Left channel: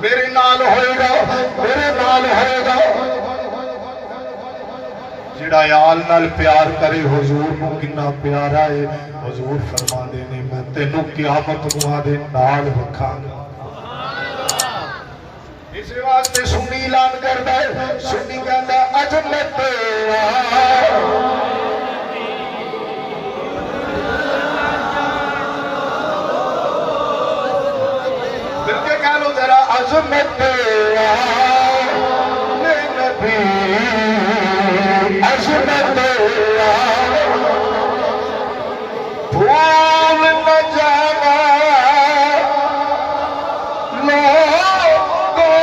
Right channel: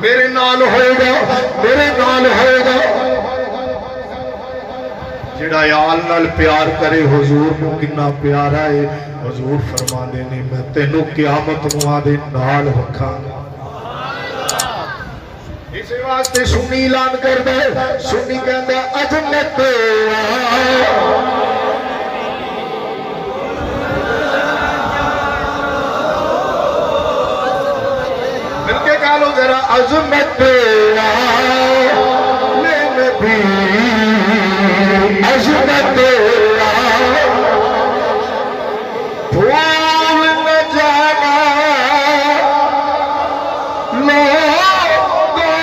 میرے نال ہوئے گا میرے نال ہوئے گا جڑا یال نال پیار کرے حضور کو کنا پیارا ہے حضور فرما دینے میں تینوں قیامت مہارے نال رکھا اس واسطے سنی اعلان کر دے سنی کہندا عظمت تیرا عظمت تیرا میں نبی عظمت تیرا بھول نہ جانا لوگوں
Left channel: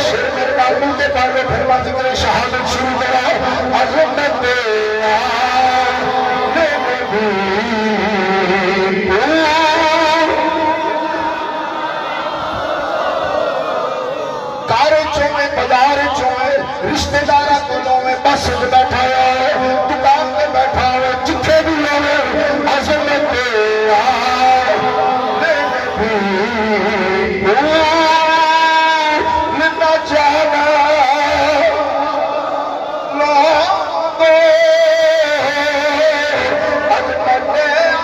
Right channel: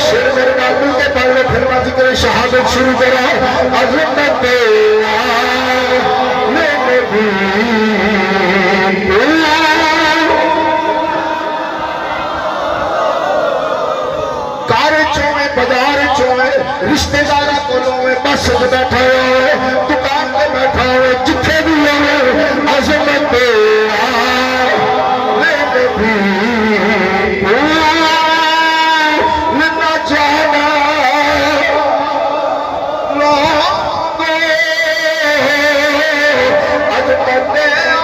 شیر بابو کے پہلے پھرما ذکر شہادت شروع کرا عظمت تیرا میں نبی بازار چوئے رشتے دارہ کلوں میں بس بیٹھا ہوئے دکان پہ بیٹھا ہوئے جتھے بھی ہوئے عظمت تیرا بھول نہ جانا لوگوں عظمت تیرا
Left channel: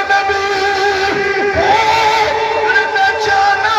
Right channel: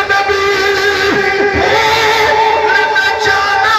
نبی بھول نہ جانا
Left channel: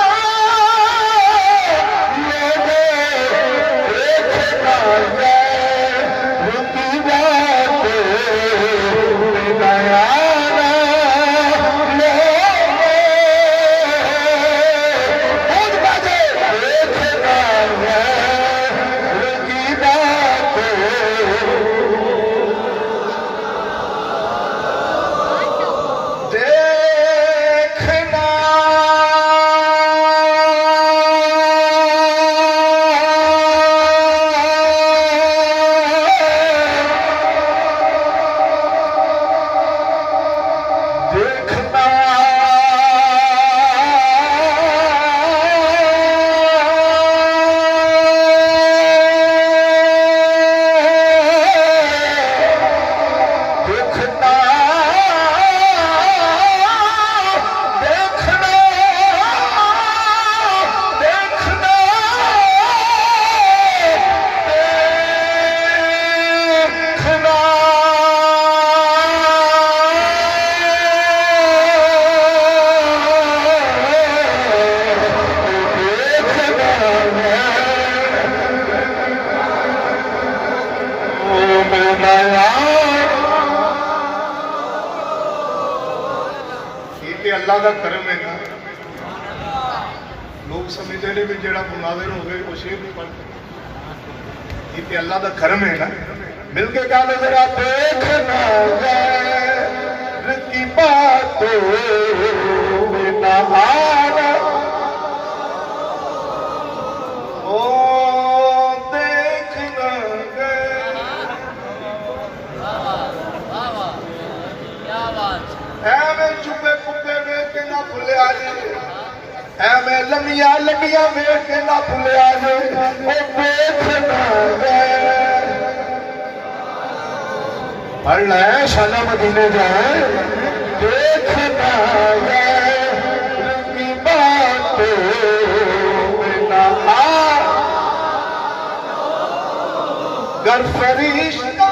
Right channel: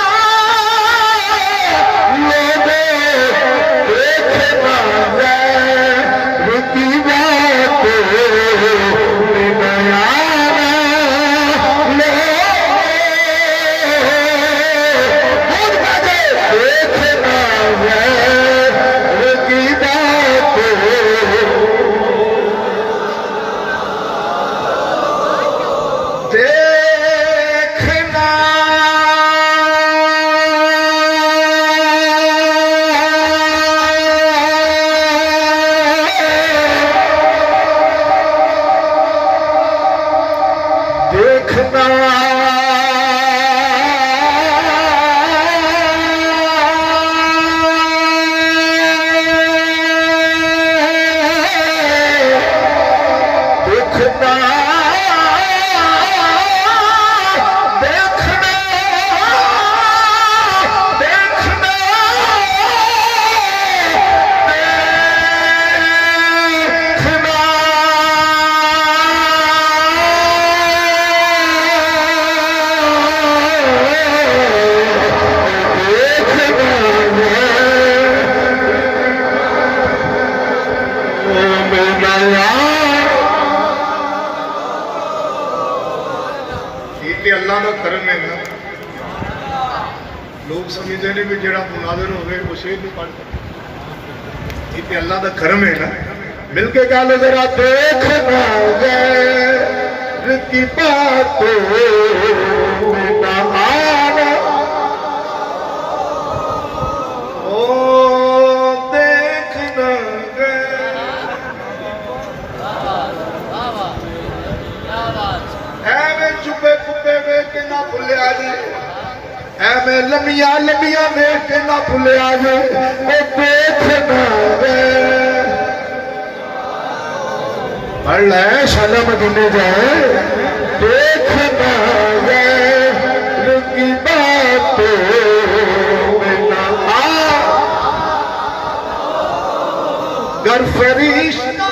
اللہ کا کرم ہے نا لوگ سمجھتے ہیں بھی جڑا مناظر ہوئے وہ شیر نہیں پڑھتا یہ تو اللہ کا کرم ہے نا مل کے گل ذرا دیکھنا غیر کی باتوں میں نہ آنا لمیا لمیا ویکھ کے نہ بھولیا جے اے دیکھنا پڑھ لے شالا مدینے جائے دیکھنا کی باتوں میں نہ گر فرشتہ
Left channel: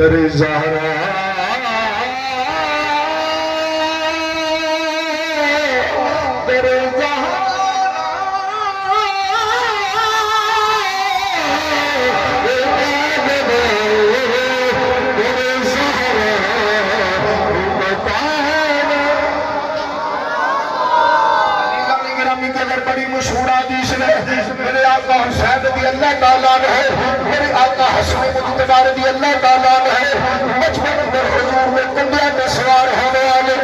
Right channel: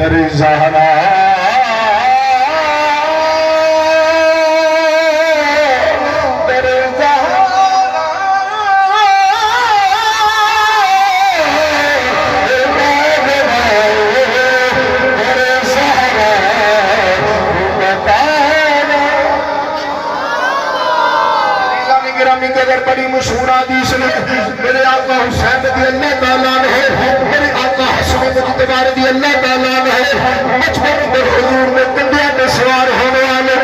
در زہرا بڑی مشہور حدیث نے میرے آقا حسین رضی اللہ تعالیٰ عنہ میرے آقا حسن مجتبی رضی اللہ تعالیٰ عنہ بچپن میں حضور میں کنڈیاں میں سوار ہونے والے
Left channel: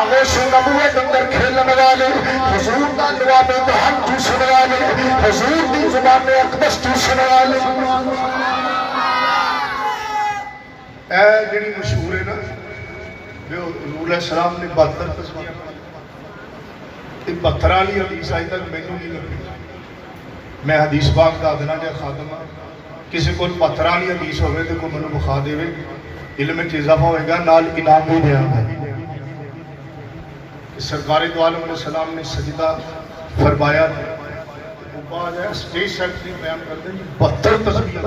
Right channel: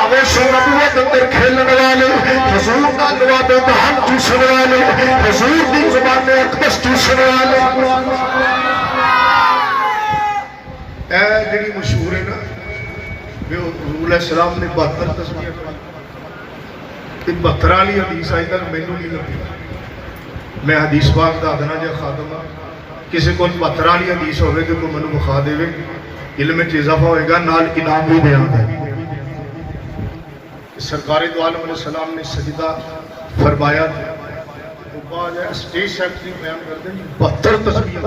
آغوش نبوت اندر کھیلنے والے حضور کا جواب دہن چوسنے والے حضور کی زبان میں اقدس چوسنے والے اے جڑی مشہور ہے نا حضور علیہ السلام نے 72 تسبیحاں تے 72 والی حدیث آئی تک مینوں نہیں لگی میں حدیث پاک دا ادنا جا خادم ہاں کسی کو 72 والی حدیث ہوئے تو کوئی مینوں مخا دے علم میں اضافہ ہوئے گا نال انعام بھی بیان ہے سرکار دو عالم علیہ السلام نے سجدہ فرمایا اسٹیج سیکٹری بیان کر دیں 72 تسبیحاں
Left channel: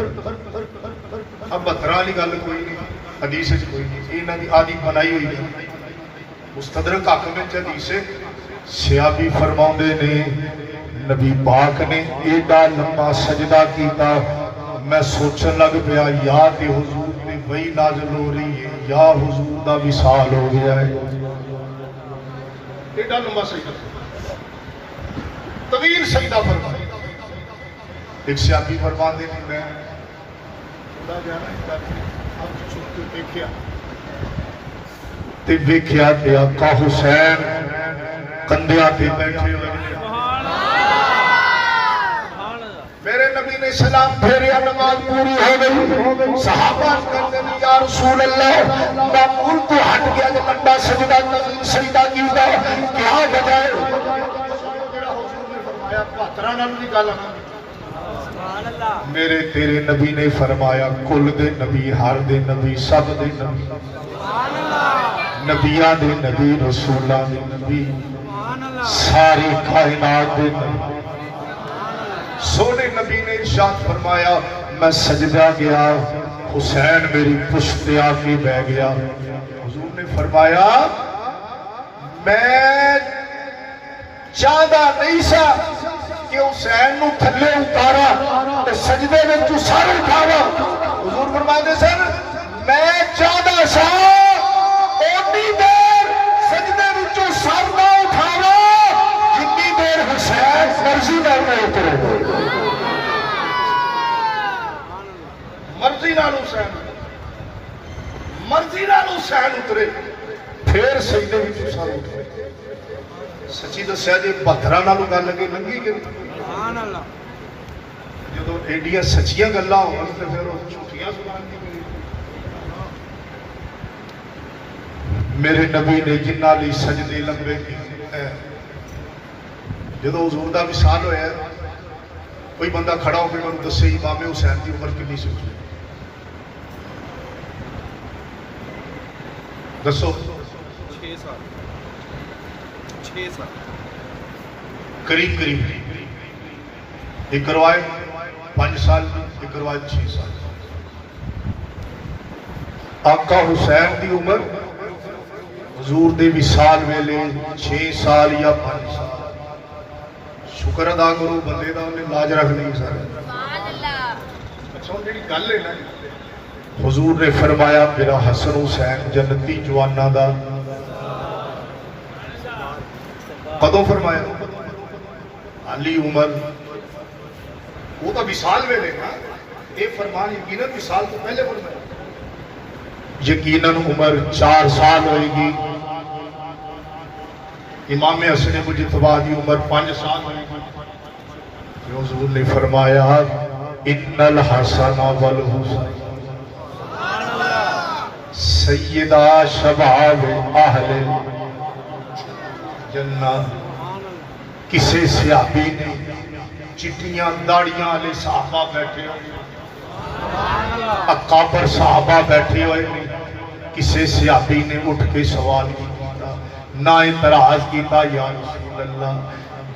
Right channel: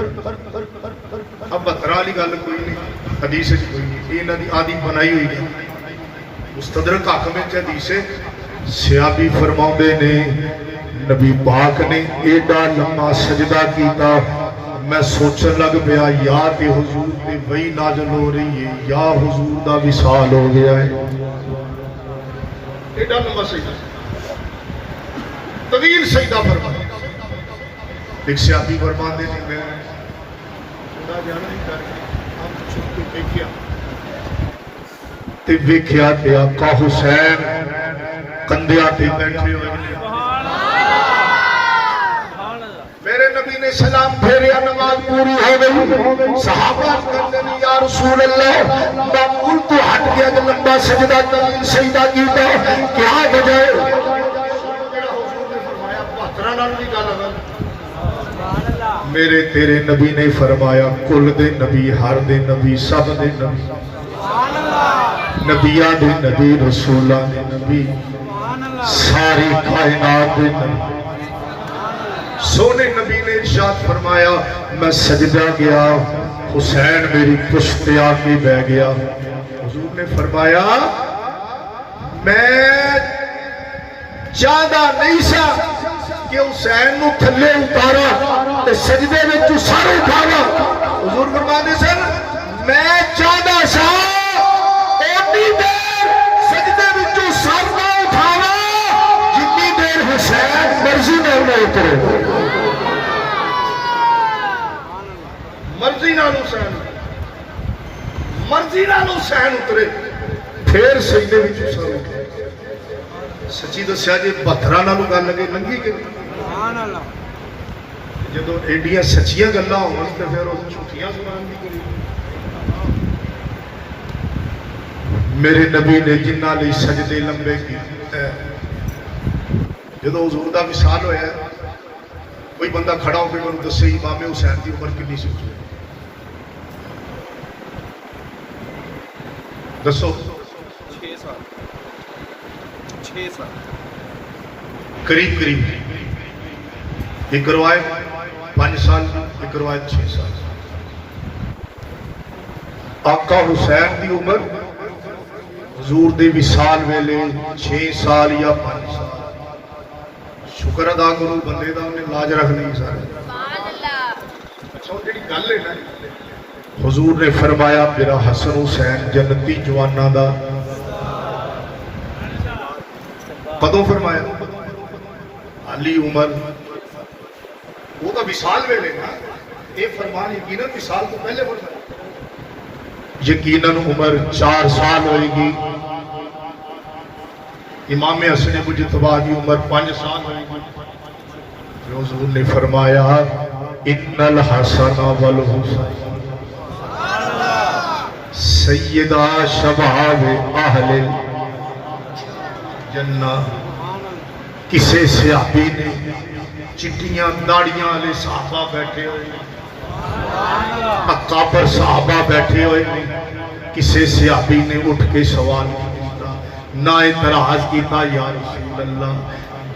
اب 72 والی گل کوئی نہیں حدیث کوئی نہیں یہ انہاں دی عادی بنائی ہوئی ہے مستدرک حاکم وچ حدیث ہے سیابی فرماؤندے نے نبی پاک نے ایڈا لمبا سجدہ کیتا میں سوچن لگ پیا یا کہ حضور نے وہی نازل ہو رہی ہے یا حضور دا وصال ہو گیا ہے ایڈا لمبا سجدہ طویل سجدہ فرمایا ایک سیابی فرماندے نے میں خدا جانا نہیں کر آپ چھپ کے دیکھیا تے ویکھیا تے آقا حسین کندھیاں تے بیٹھے ہوئے میرے نبی نے سلام پھیریا نماز پوری ہو گئی صحابہ کہتے ہیں یا رسول اللہ معمول تو ہٹ گیا کہ لمبا سجدہ کیتا کیا وجہ ہے حضور نے فرمایا 72 نال بھی گل ہے میرے تیرے نبی نے فرمایا کل دے نبی ہر دے نبی سب دے نبی نبیاں دے نبی رسولاں دے نبی ساری کائنات دے نبی سونے نبی نے ارشاد فرمایا میں سجدہ گیا حسین میری پشت آ کے بہ گیا حضور نے فرمایا میں چاہتا نہیں سا کہ حسین نو تھلے اتارا تے سجدے میں تو سر اٹھاوا حضور فرماتے سن میں چاہتا سا اتنی دیر سجدے میں تو سر نہ اٹھاوا جتنی دیر حسین مرضی نہ اترے مرضی نہ حسین اترے پھر سجدے میں تو سر اٹھے سچی دسیا جی 72 نالوں گل لگے لنگھی کہ جب ایڈیاں سچیاں گلاں ہون تے پھر اس جھوٹیاں زبان دی کوئی میرے نبی نے جنہاں لئی سجدے لمبے کیتے جدوں حضور دا وصال ہویا کوئی بندہ کھڑا ہو کے انہوں دسے امام حسین دی عمر کتنی سی دسو 6 سال قریب ایک روایت 5 سال ایک روایت 6 سال آقا حسین دی عمر حضور دے وصال ویلے 6 سال یا 5 سال شکر ادا کرو بندے دا انہیں لاج رکھ نہیں سارے گل ہے حضور نے فرمایا میرا حسن حسین جنتی جوانا دا کدوں فرمایا علی عمر وہ تو وصال ویلے نا یہ فرمان یقیناً وصال تو پہلے فرمایا یقیناً عمر 4 سال ہوئے گی امام حسن مجتبی کی عمر 5 سال ہوئے گی حضور نے فرمایا ان الحسن والحسین سیدہ شباب اہل جنہ کسے صحابی نے چٹیاں داڑیاں والے صحابہ بیٹھے ہوئے اکابر صحابہ بیٹھے ہوئے کسے صحابی نے اٹھ کے سوال کیتا نہ اعتراض کیتا یا رسول اللہ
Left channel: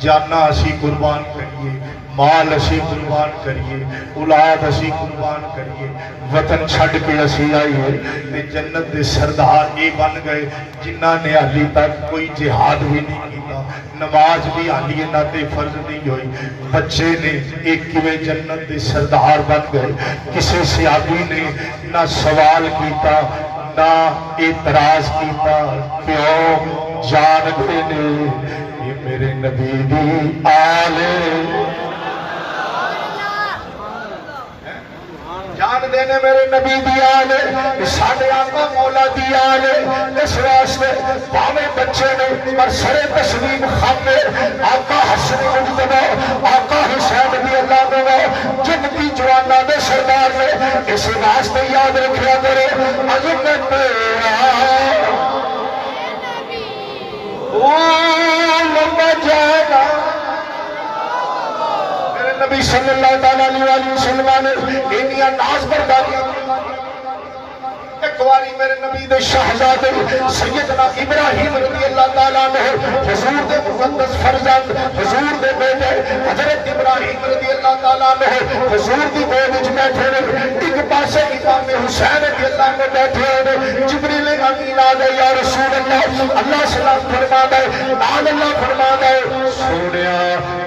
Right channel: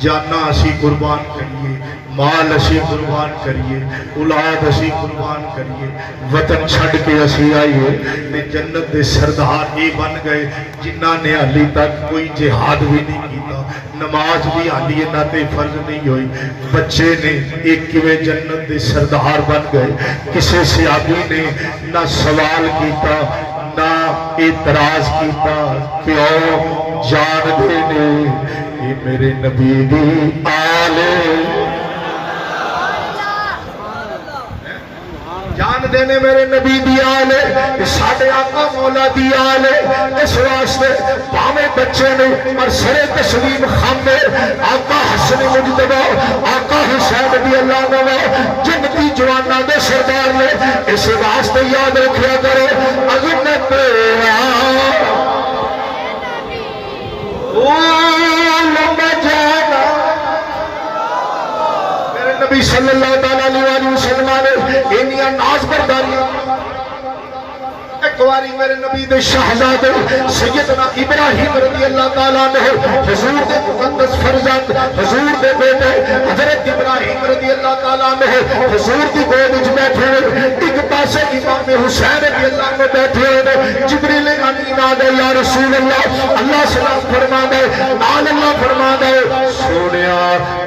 جانا اسی قربان کریے مال اسی قربان کریے اولاد اسی قربان کریے وطن چھڑ کے اسی آئیے تے جنت دے سردار ہی بن گئے جنہاں نے حالی تک کوئی جہاد بھی نہیں کیتا نماز بھی حالی نہ تے فرض نہیں ہوئی بچے نے ایک کیویں جنت دے سردار بن گئے کسی صحابی نے نہ سوال کیتا نہ اعتراض کیتا کیوں جان دینے یہ میرے نبی دی آلے جان دینے میرے نبی دی آلے ساڑھے آقا مولا دی آلے اس واسطے پاوے بچے نے پر سرے تسلیم خاندے آقا حسن مجتبہ آقا حسین رضی اللہ عنہ جنتی جوانہ دے سردار میں اس واسطے یاد رکھیا کرے اگر میں تیرا لمبا جانا میرے نبی صلی اللہ علیہ وسلم انہی ناز برداری ایک واری میرے نبی دے شہزادے سیدنا ابراہیم رضی اللہ تعالیٰ عنہ حضور دے مقدس فرزند حضور دے بیٹے حضرت ابراہیم رضی اللہ تعالیٰ عنہ حضور دی گود وچ بیٹھے ایک پاسے امام حسین رضی اللہ عنہ بیٹھے جبریل امین آ گئے یا رسول اللہ اللہ سلام فرما دے آل اللہ فرما دے سونیا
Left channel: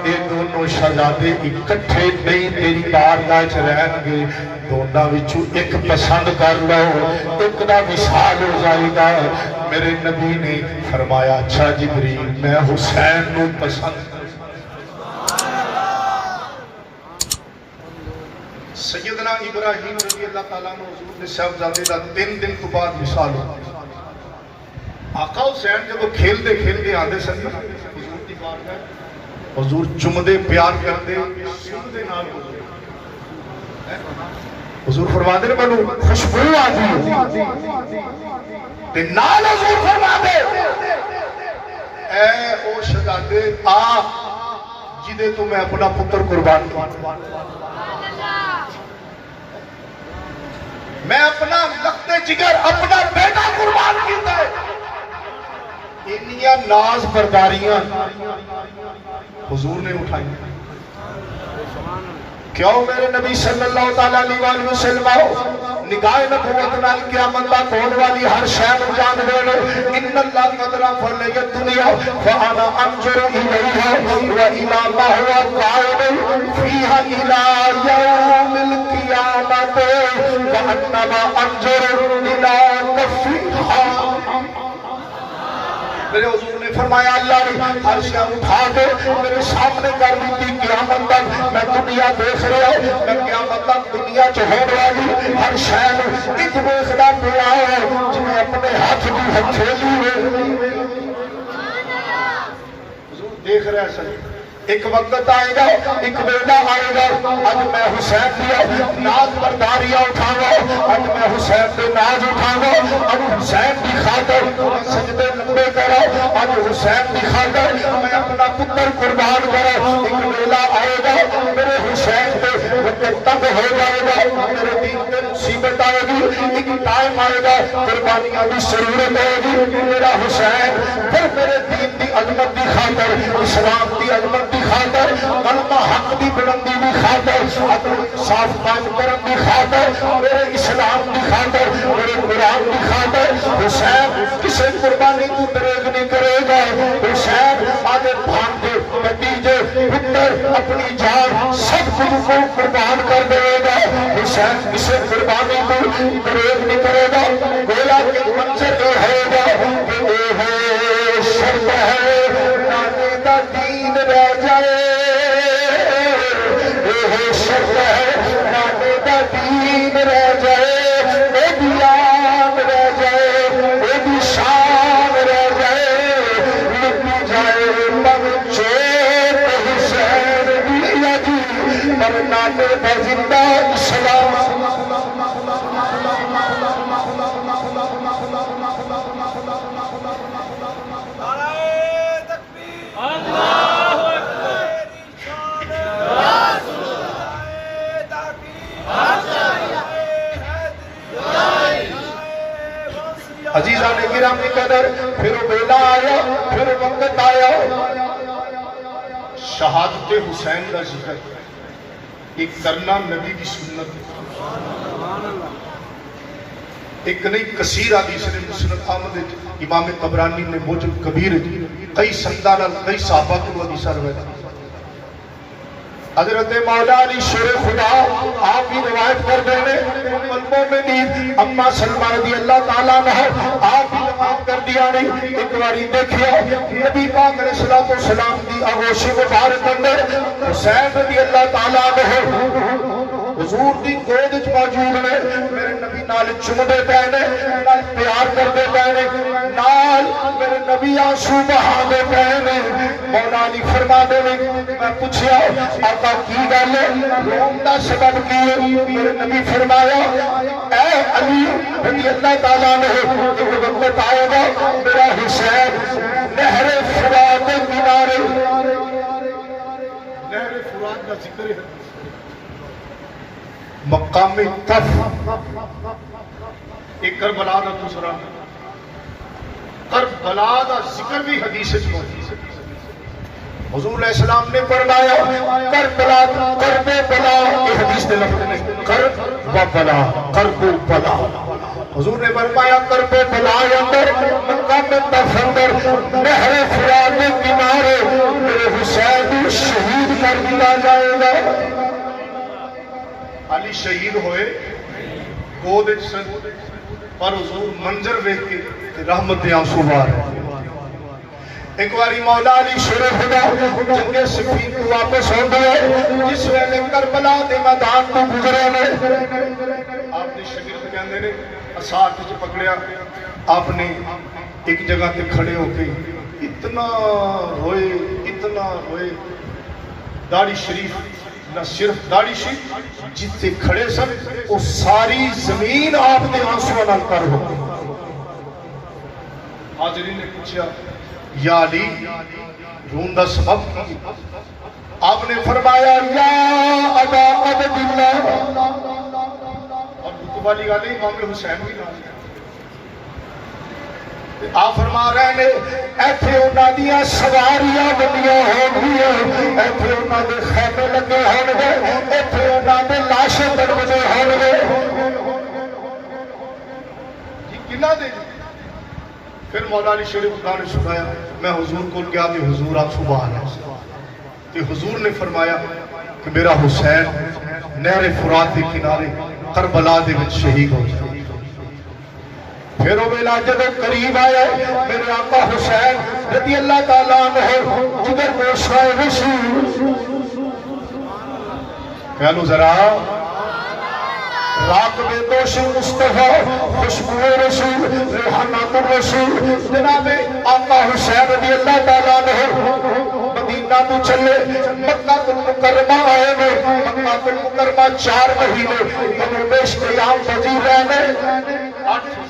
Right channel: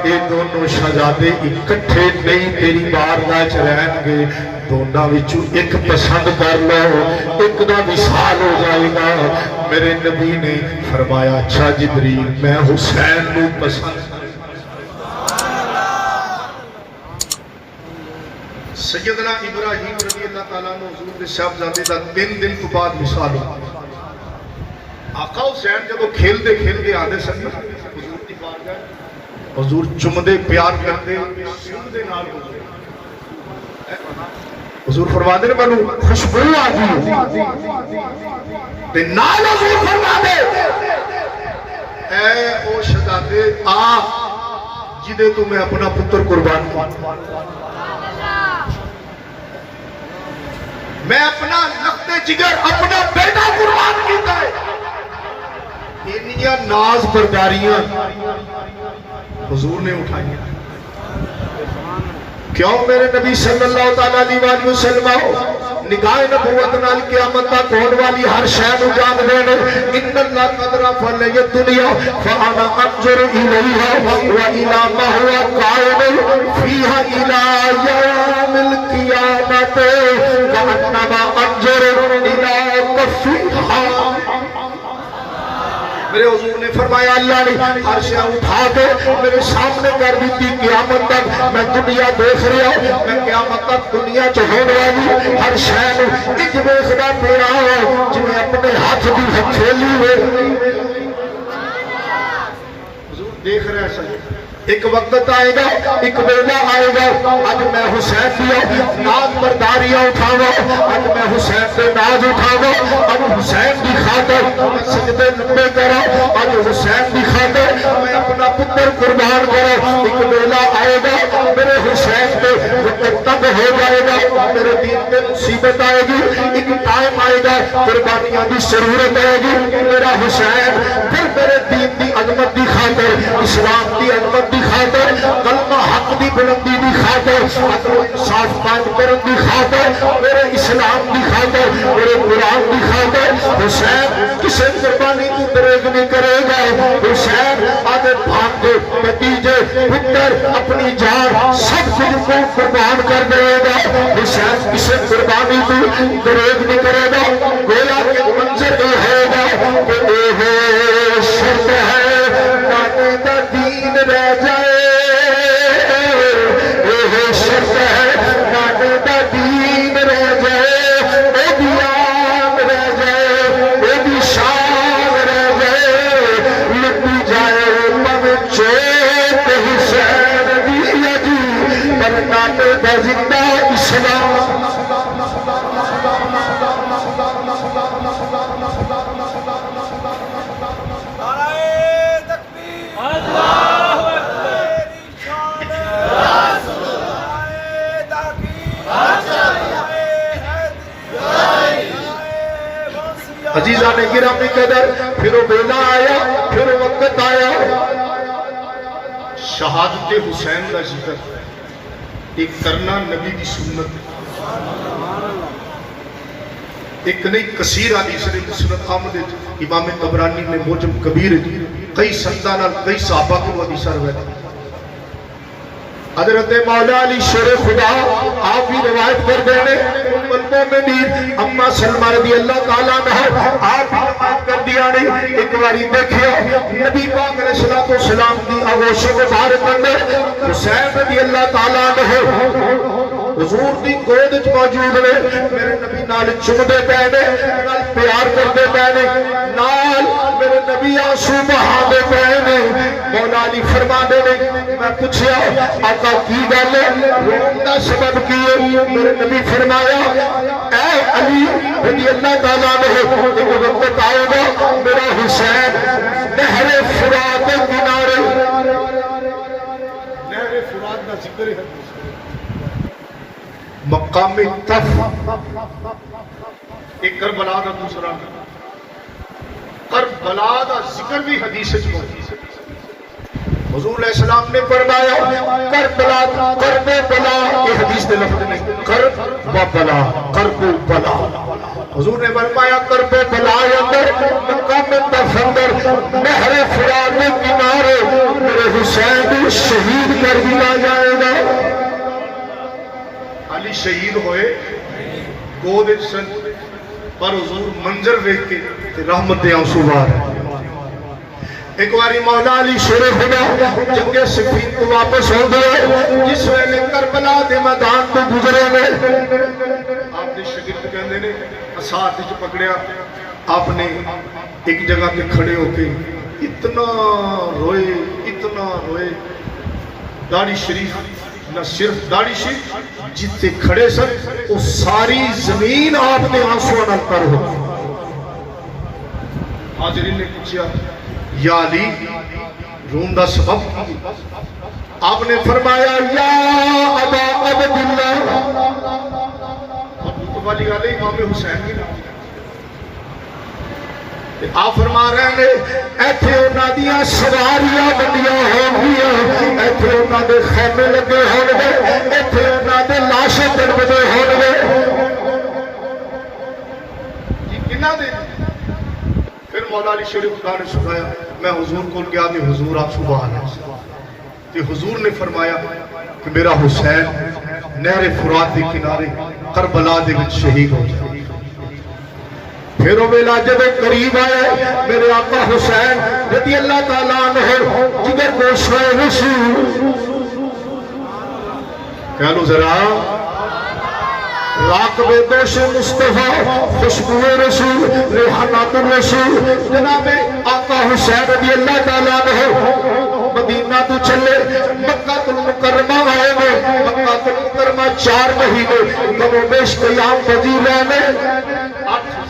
یہ دونوں شہزادے اکٹھے نہیں تیری بارگاہ چ رہن گے دونوں وچوں ایک پسند کر لو ایک دا وصال ہو جائے گا میرے نبی نے فرمایا اچھا جبریل میں حسین نو پسند سیدنا ابراہیم رضی اللہ تعالیٰ عنہ حضور کے صاحبزادے کا 3 دن تو بعد وصال ہوا آقا حسین جب کھیلتے کھیلتے آدھے سن حضور کی بارگاہ حضور چمدے پیار کرتے سندے نال حضور فرما دے میں خوشبو آ گئی تے نال حضور فرما دے اے او شہزادے آ جدے تو میں اپنا پتر قربان کیا میں اپنا لخت جگر اپنا بیٹا قربان کیتا ہے انہیاں ناز برداریاں حضور نے اٹھائی کیوں میرے نبی صلی اللہ علیہ وسلم نگاہ نبوت نال قیامت تک ہونے والی ہر شے نو جان دینے ان اللہ قدر فل یہ دنیا فانا انظر الیہا و الی ما هو قائم فیھا الی یوم القیامت وانما انظر الی کفیھا میرے حضور نے فرمایا اللہ نے ہر شے اٹھا کے میرے سامنے کر دی قیامت تک میں دنیا دیکھ رہا ہوں میں قیامت تک دنیا چ ہو رہا ہوں ہر شے اج دیکھدا پیا جنہیں اپنے ہاتھ دی ہتھیلی میں حضور دیکھ رہا ہے ایک وقت آئے گا ایک ویلا آئے گا اج میں حسین دیا ناز برداریاں اٹھاؤں اج میں حسین سے ناز اٹھاؤں اج حسین کی خاطر میں سجدے لمبے کرا اج حسین کی خاطر میں اپنا پتر قربان کرا ایک ویلا آئے گا میرے حسین کے وقت تب ہو جائے گا میرے دین میں مصیبت آئے گی ایک ٹائم آئے گا قربانیاں بھی ضرورت آئے گی میرا حسین پھر میرے دین دی عظمت دی خاطر اسلام دی عظمت دی خاطر کلمہ حق دی بلندی دی خاطر صاف قائم کرن دی خاطر میرے اسلام دی خاطر میرے قرآن دی خاطر حسین کسی قربانی تو دریغ نہیں کرے گا حسین آدھے بھانجے بتیجے پتر اپنی جان سب کچھ کو قربان کر دے گا حسین کسی قربانی تو دریغ نہیں کرے گا گویا کہ منظر یہ ہے گا کہ اے ہے شرط ہے نانے دا دین رہ جائے عزیزان گرامی قدر پھر وہ بیلا آیا پھر وقت آیا شہادت حسین کا ذکر ایک کرنا نبی کی سنت ایک نہیں کثیر حدیث نے مسند احمد امام طبرانی نے موجم کبیر کئی سندان کئی صحابہ کو حدیث روایت حضرت مولا علی شیر خدا آپ بھی روایت کر دے المومنین اما سلمہ رضی اللہ تعالیٰ عنہ آپ بھی روایت کر دیا نہیں ایک باری دیکھیں نبی پاک علیہ السلام کی آغوشی مبارک اندر حسین رضی اللہ تعالیٰ عنہ حضور دی گود وچ موجود نے میرے نبی نال چمدے پے نے نال پیار کردے پے نے نال میرے نبی آنسو بہاندے پے نے مولا علی فرماندے نے میں پوچھیا آقا کی گل ہے رون دا سبب کی ہے میرے نبی فرمایا اے علی رضی اللہ تعالیٰ عنہ ایک بتاؤ گا میرا حسین نہر فرات کے کنارے نہر فرات دا ذکر ہے مقام تف ایک کربلا دا دوسرا کربلا دا ذکر بھی حدیث میں حضور علیہ السلام نے فرمایا کربلا کربلا یہ حدیث میں لفظ ہے کربلا کربلا حضور نے فرمایا کربلا اندر مقام تف اندر نہر فرات کے کنارے میرے حسین شہید کر دیا جائے گا علی شہید ہوئے گود پر حضور منظر دیکھ کے رحمت آنسو بار ایک باری مولا علی شیر خدا جنگ صفین تو واپس ہو گئے جس ویلے کربلا دے میدان تو گزرے گئے آپ نے شاگرد کہندے نے اساتھ وچ پکڑیا آپ نے ایک جگہ تے کھڑے ہو کے اتنا روئے داڑھی شریف نہ صرف داڑھی شریف جتنے کھڑے سر وہ ساری زمین آپ نے آنسو نہ کر ہو حاضرین نے پوچھا یا علی رون دا سبب کی آپ نے فرمایا یا ابا عبداللہ ابو والی گل ہے امام حسین کی نام آپ فرما رہے ہیں ایتھے انہاں دیاں سواریاں بڑیاں ہون گئیاں ایتھے انہاں دے خیمے لگے ہون گے ایتھے انہاں دے لاشیں دروازے ہون گے یہ کنا دے پھر مولا علی شیر خدا نے سنایا میں حضور کو گیا کہ حضور آپ سبحان اللہ کہ حضور نے فرمایا کہ میرا حسین نہر فرات کے کنارے کربلا دے وچ شہید ہو جائے پھر وہ میلا جب قریب آئے میرے آقا حسین رضی اللہ تعالیٰ عنہ جدے گوشوائے رسول کہلو ذرا راقب دوش مصطفیٰ خوشبو رسول ریحانات الرسول جناب آقا حسین رضی اللہ تعالیٰ عنہ مدینہ تو چلے مکہ المکرمہ آئے گئے مکہ المکرمہ 4 مہینے کموبیش قیام پذیر رہنے 8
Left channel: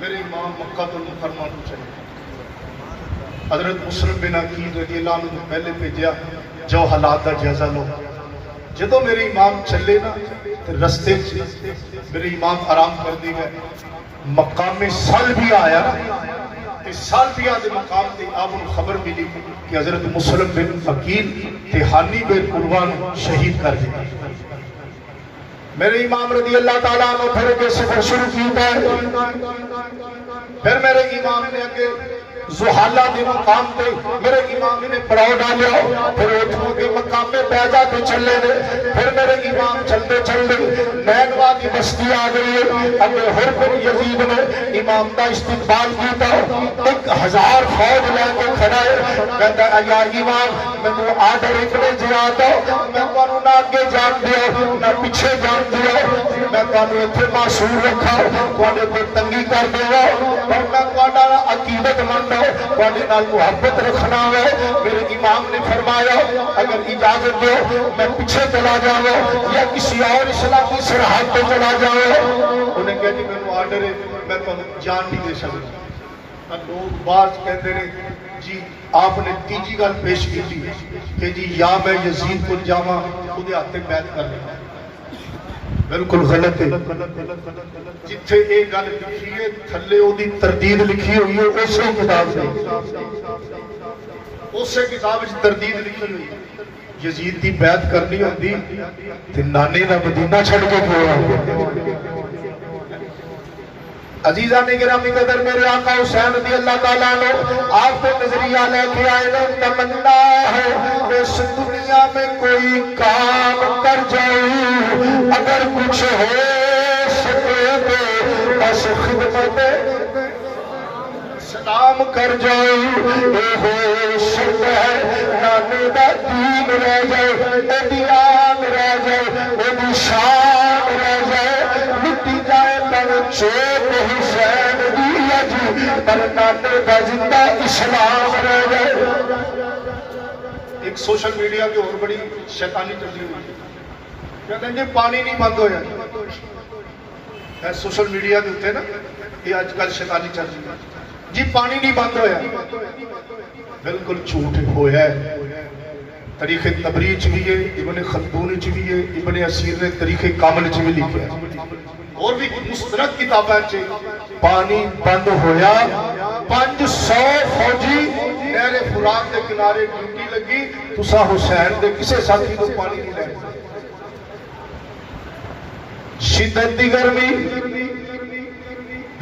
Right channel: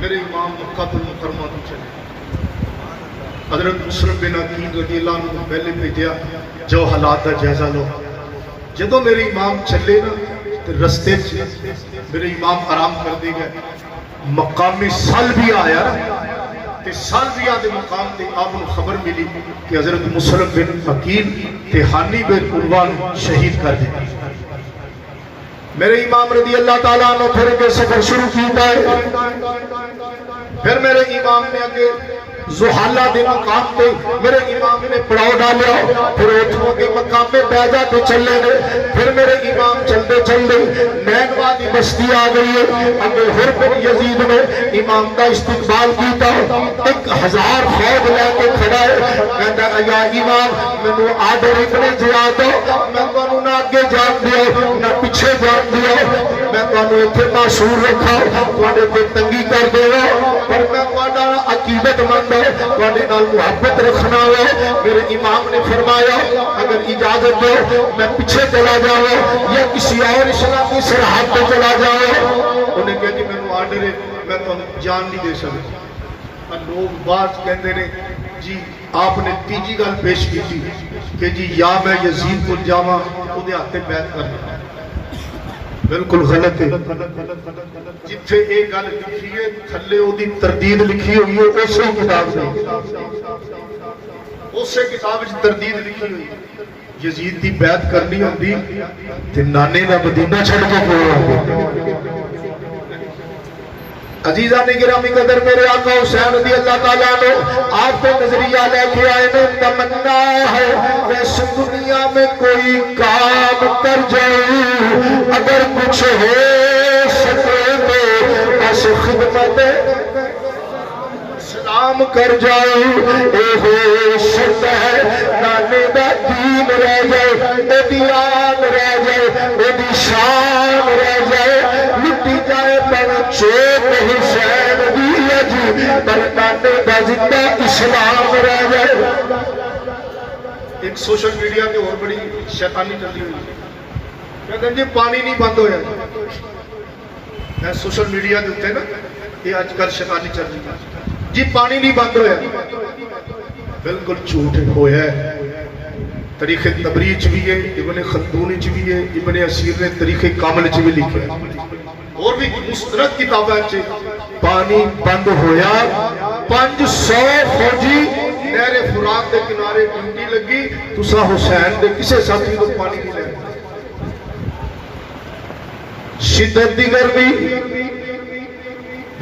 میرے امام مکہ المکرمہ تو چلے حضرت مسلم بن عقیل رضی اللہ عنہ پہلے بھیجیا جو حالات کا جائزہ لو جدو میرے امام چلے نا رستے میرے امام آرام کر دے گا مقام سالبیہ آیا تے سالبیہ دے مقام تے آپ کو خبر ملی کہ حضرت مسلم بن عقیل تہانی بن قربان شہید کر دے میرے امام رضی اللہ تعالیٰ عنہ پھر کے سفر شروع کیتا ہے پھر میرے امام نے آگے زحالہ دے مقام پہ میرے امام نے پڑاؤ ڈالیا پھر اتھوں کے مقام پہ بیجا پہ چلے گئے پھر میرے امام چلتے چلتے مینوانی بستی آ گئی اگے حرب یزید نے امام کا استقبال کیتا 1000 فوج لے کے کھڑا ہے کہتا ہے یا امام میں وہ آدھر اتنے جاتا میں کانو نہ آگے جان دیا نہ پیچھے جان دیا میں کانو اتنے معصور رکھا پاڑے پر تنگی کر دیا پر میں کانا عقیدت مند پانے نال محبت رکھنا ہو میرے امام نے فرمایا اگر اجازت دو میں پیچھے چلا جاؤں یا کسی اور اسلامی سرحد پہ چلا جاؤں انہیں کہتے میں وہ آرڈر ہے میں تو جان نہیں دے سکتا لوگ بعض کہتے ہیں جی آپ نے تیجی گل پیش کی تھی کہ جی یا میں یزید کو جاواں انہیں آتے بیعت کر دیتا بالکل غلط ہے جتھے ایک گل لکھی ہے تھلے وہ دی تردید لکھی ہوئی ہے اسی کتاب سے اسی کتاب سے تردید لکھی ہوئی یزید دی بیعت کرنی ہوندی تے نانے دا مدینہ چھڑ کے پورا عزیزان گرامی قدر میرے آقا حسین رضی اللہ تعالیٰ عنہ آپ کو نظریہ لے کے آئے میں تمنا ہے کہ اس دنیا میں کوئی کام کر جاؤں اگر کچھ ہو سکے تو بس خدمت سلام کر جاؤں اے ہوش ہے نانے دا دین رہ جائے اے دیان رہ جائے اے دی شان رہ جائے مٹی جائے پر چوک حسین دی اجی پر نانے دا زندہ اسلام رہ جائے. ایک سوشل میڈیا کے اور بڑی شیطانی چلی ہوئی کہتے ہیں جی پانی نہیں بند ہویا. میں سوشل میڈیا دیتے ہیں نا یہ آج کل شیطانی چل رہی ہے جی پانی نہیں بند ہویا. بالکل جھوٹ ہویا ہے. تاریخ تبریز بھی ہے ابن خلدون بھی ہے ابن اسیر نے تاریخ کامل بھی لکھا ہے اور بھی مستند کتابیں پانی بند ہویا 500 فوجی نہر فرات کے کنارے ڈیوٹی لگی تسا حسین دے کسے ساتھی کو پانی نہیں لے. شدت دی گرمی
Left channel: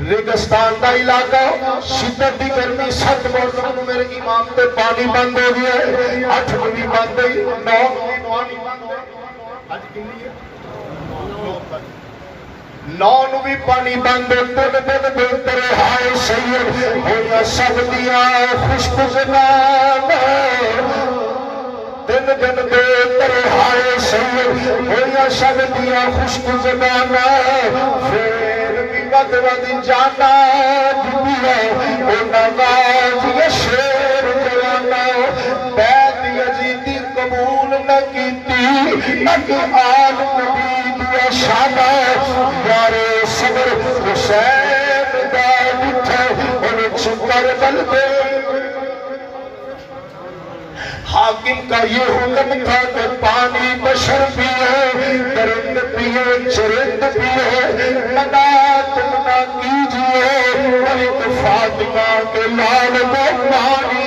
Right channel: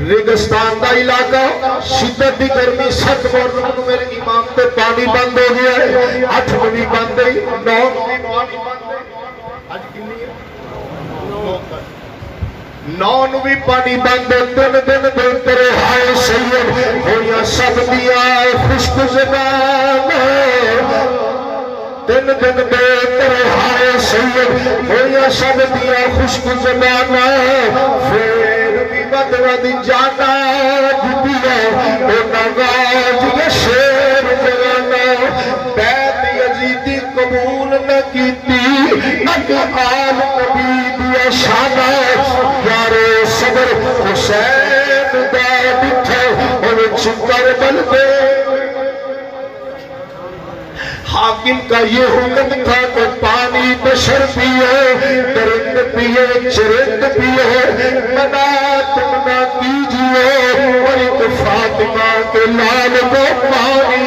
ریگستان کا علاقہ شدت دی گرمی 7 مرتبہ میرے امام تے پانی بند ہو گیا ہے. 8 بجے بند ہے 9 بجے پانی بند ہے. آج کتنی ہے 9 نو بھی پانی بند ہے. دن تیرے ہائے سید ہویا سب دیا خشک زبان دن تیرے ہائے سید ہویا سب دیا خشک زبان پھر بھی مدد جانا بھی ہے او نواز یا شیر جلانا بیت یزیدی قبول نہ کیتی نہ کہ آل نبی دیا شانہ یارے صبر حسین بیت اٹھے اور چکر بل دے. حاکم کا یہ حکم تھا کہ پانی بشر پیے درند پیے چرند پیے منع تمنا کیجئے اور ایک فاطمہ کے لال کو پانی.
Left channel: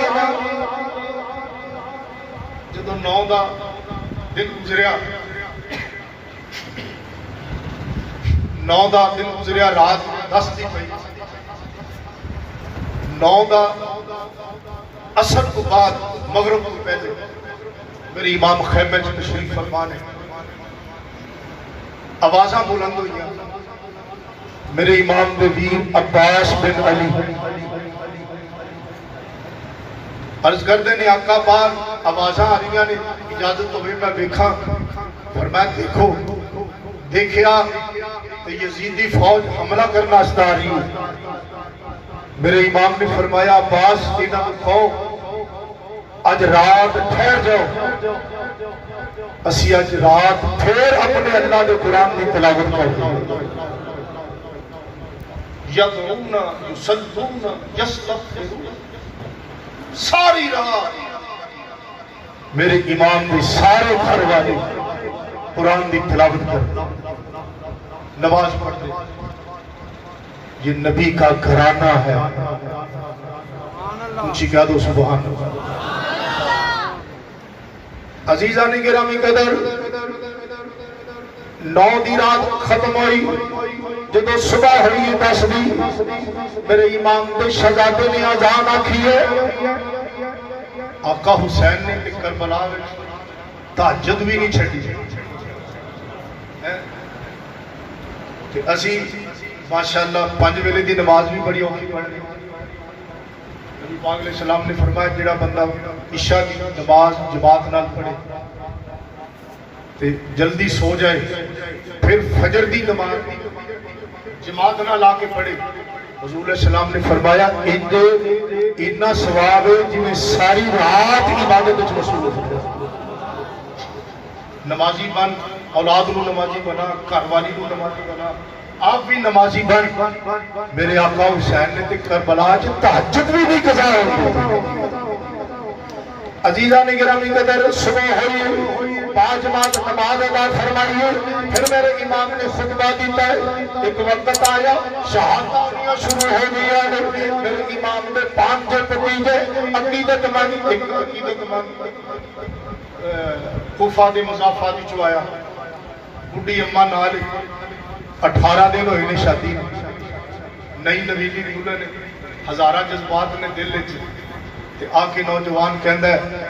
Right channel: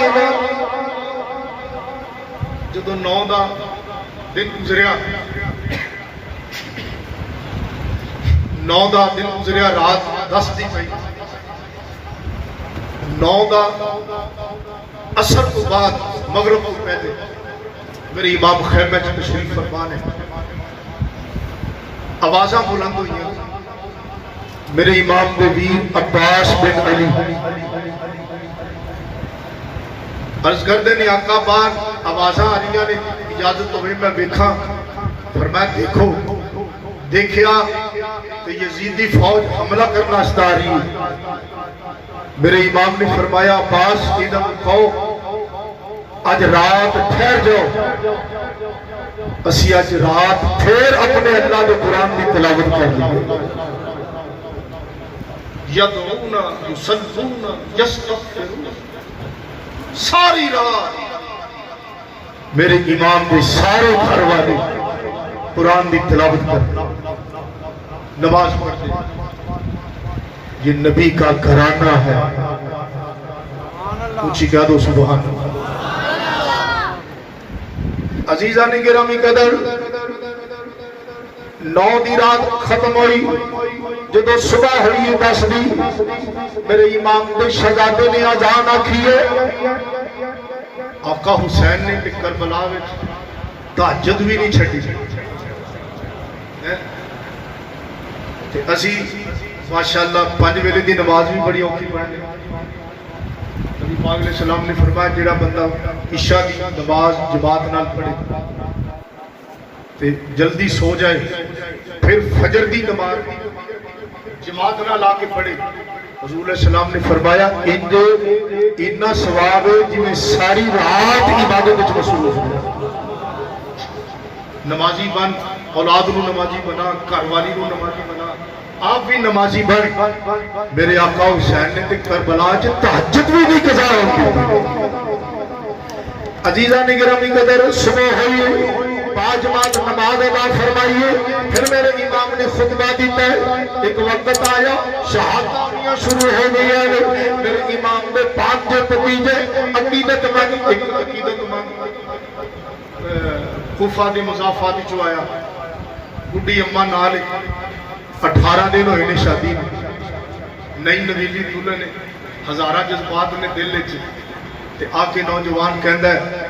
جدو 9 دا دن گزریا 9 دا دن گزریا رات 10 دی پئی 9 دا اثر کو بعد مغرب کو پہلے میرے امام خیمے میں تشریف فرما نے آوازاں بلند ہوئی. میرے امام دے ویر عباس بن علی عرض کردے نے آقا باہر آوازاں آ رہی نے اجازت ہوئے میں دیکھا. فرمایا دیکھو دیکھیا تو یزیدی فوج حملہ کرنا استا رہی. میرے امام نے فرمایا عباس انہاں کہو آج رات ٹھہر جاؤ اسی آج رات پھر اپنے اللہ کے قرآن کی تلاوت کر لیں. یدعون یصلون یستغفرون ساری رات میرے امام کے سارے گھر والے قرآن کی تلاوت کر نماز پڑھتے. یہ نبی کا گھرانہ ہے. اونچی کہہ دو سبحان اللہ. عزیزان گرامی قدر 9 دی رات ختم ہوئی. جدو صبح ہوئی 10 دی میرے امام نے شہزادے نے اذان آکھی ہے. آقا حسین نے کربلا میں تہجد بھی نہیں چھڈی. اسی ماشاءاللہ 5 ویلے دی نماز بھی بڑی اوکھی پڑھنے. نبی پاک علیہ السلام نے فرمایا جڑا بندہ عشاء دی نماز جماعت نال پڑھے تے جلدی سو جائے پھر فجر دی نماز جماعت نال آ کے پڑھے. حضور علیہ السلام نے فرمایا اتنا ثواب ہے جنہیں ساری رات عبادت وچ مصروف ہو. نمازی بن اولاد کو نمازی بنا گھر والی کو نمازی بنا آپ بھی نمازی بن. میرے آقا حسین نے کربلا چ تہجد بھی نہیں قضا ہوتی. عزیزان گرامی قدر صبح ہوئی باجماعت نماز ادا فرمائیے. پھر میرے امام نے خطبہ دیتا ہے. ایک وقت آیا شہادتیاں شروع ہو گئی. میرے امام نے 5 بتیجے عقیدت مند ایک عقیدت مند کوفہ دی مضافات چ آیا. بڈھی اماں نال 18 دن ہوئے نے شادی نئی نویلی دلہن نے ہزارہ جذبات نے دل وچ تے آ کے نوجوان کہندا ہے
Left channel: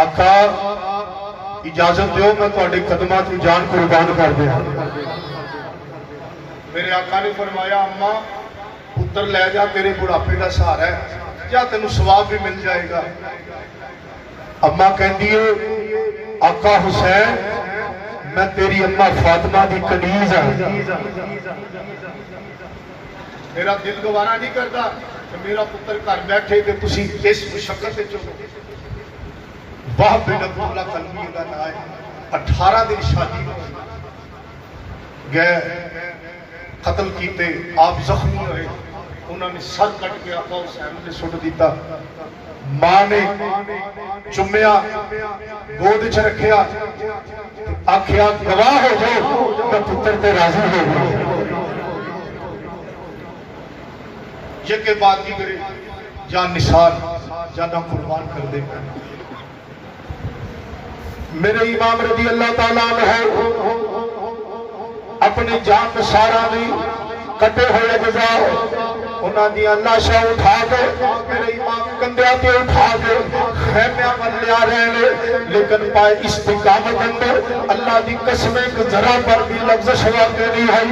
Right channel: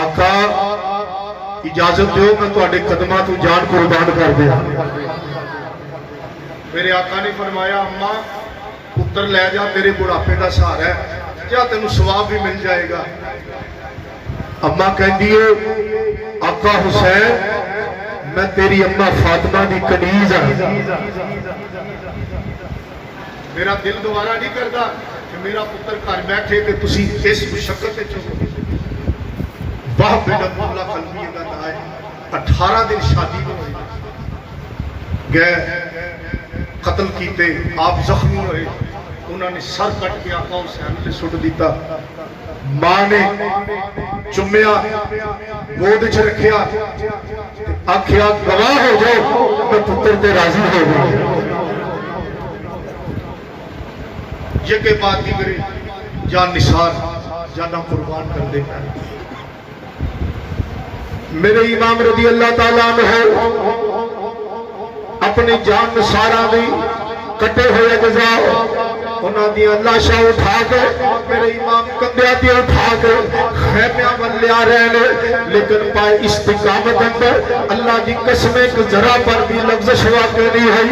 آقا اجازت دیو میں تواڈے قدماں تو جان قربان کر دیا. میرے آقا نے فرمایا اماں پتر لے جا تیرے بڑھاپے کا سہارا ہے جا تینوں ثواب بھی مل جائے گا. اماں کہندی ہے آقا حسین میں تیری اماں فاطمہ دی کنیز ہاں. میرا دل گوارا نہیں کرتا کہ میرا پتر گھر بیٹھے کہ تسی اس مشقت وچ ہو. واہ بن اللہ قلبی دا نام ہے. 18 دن شادی ہوئی گئے قتل کیتے آپ زخمی ہوئے. انہوں نے سر کٹ کے آقا حسین نے سٹ دیتا. ماں نے چمیا گود چ رکھیا آکھیا گواہ ہو جاؤ میں پتر تے راضی ہو گیا. یہ کے بعد کی گری جان نثار جانا قربان کر دے. میرے امام رضی اللہ تعالیٰ عنہ اپنی جان نثاراں دی کٹے ہوئے جزا انہاں دی لاشاں اٹھا کے میرے امام کندھیاں تے اٹھا کے خیمیاں ول لیا رہے نے. لیکن پائے استقامت اندر اللہ دی قسم ایک ذرا پر بھی لفظ واقع نہیں ہے.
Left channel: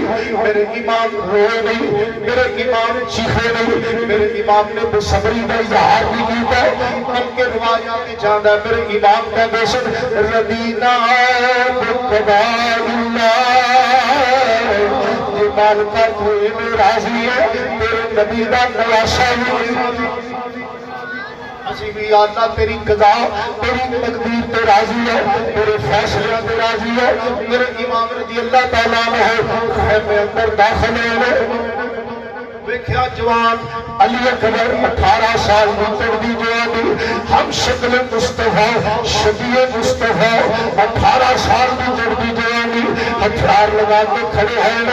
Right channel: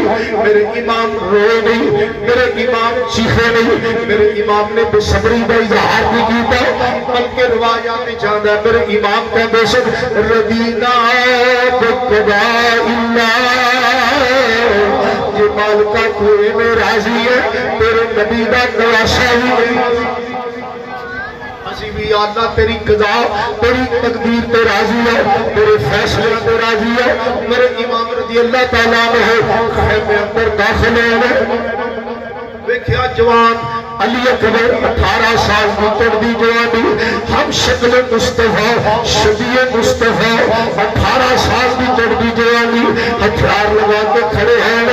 میرے امام روئے نہیں, میرے امام چیخے نہیں, میرے امام نے بے صبری کا اظہار نہیں کیتا بلکہ روایات جاندا ہے. میرے امام کا بشک رضینا بقضاء اللہ مالکہ کوئی میں راضی ہے تیرے نبی دا گواشا ہی نہیں. اسی بھی اللہ تیری قضا تیری تقدیر تے راضی ہے تیرے فیصلے تے راضی ہے. میرے امام رضی اللہ تعالیٰ عنہ خیمے اندر داخل ہوئے. دیکھیا جوان علی اکبر 18 سال کی چڑھتی جوانی ہم شکل مصطفیٰ شبیہ مصطفیٰ 18 سال کی چڑھتی جوانی ہتھیار لگا کے کھڑے ہیں.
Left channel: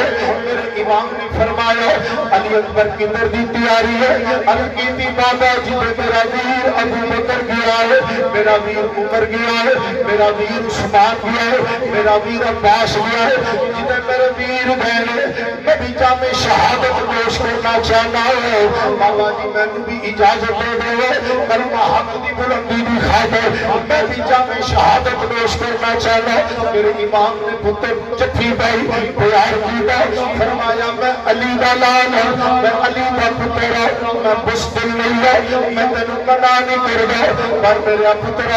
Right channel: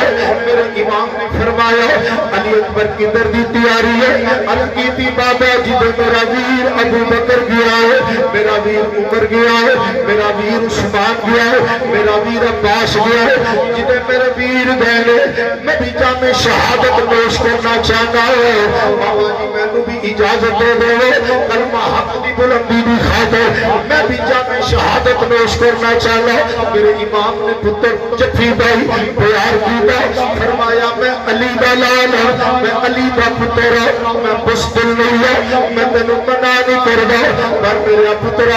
میرے امام نے فرمایا علی اکبر کی دردی تیاری ہے. عرض کی تھی بابا جدھر میرا ویر ابو بکر گیا ہے, میرا ویر عمر گیا ہے, میرا ویر عثمان گیا ہے, میرا ویر عباس گیا ہے, جدھر میرے ویر گئے میں بھی جامع شہادت پیش کرنا چاہتا ہے. بابا جی میں نے بھی اجازت دے دے کلمہ حق دی بلندی بھی خاطر میں بھی جامع شہادت پیش کرنا چاہتا. میرے امام نے پتر جتھی بھائی تیار کیتا فرمایا میں علی دا لال ہوں, میں علی دا پتر ہوں, میں بزدل نہیں ہے, میں تینوں منع نہیں کردا پر میرا پتر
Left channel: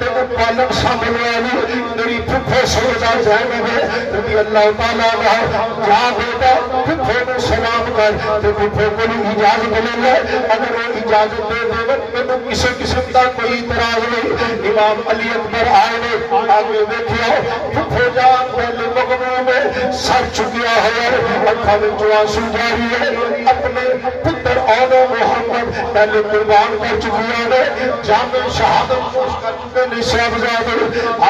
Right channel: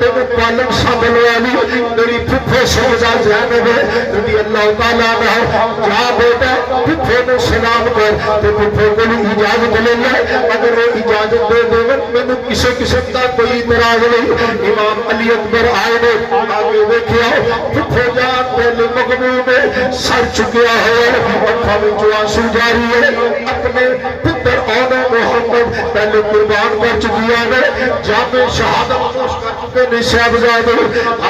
تینوں پالن سنبھلیا نہیں. میری پھپھو سوزا زینب رضی اللہ تعالیٰ عنہ جا بیٹا پھپھو نے سلام کر تے پھپھو کو اجازت لے لے. اگر وہ اجازت دے دے میں کسی قسم کا کوئی اعتراض نہیں. امام علی اکبر آئے نے آگے دیکھیا پھپھو جان دل مغموم میں سر چکیا ہے اکھاں وچوں آنسو جاری ہے. اپنے پتر آن محمد پہلے قربان کر چکی ہے جامع شہادت خوش کر چکے نے صاحبزادے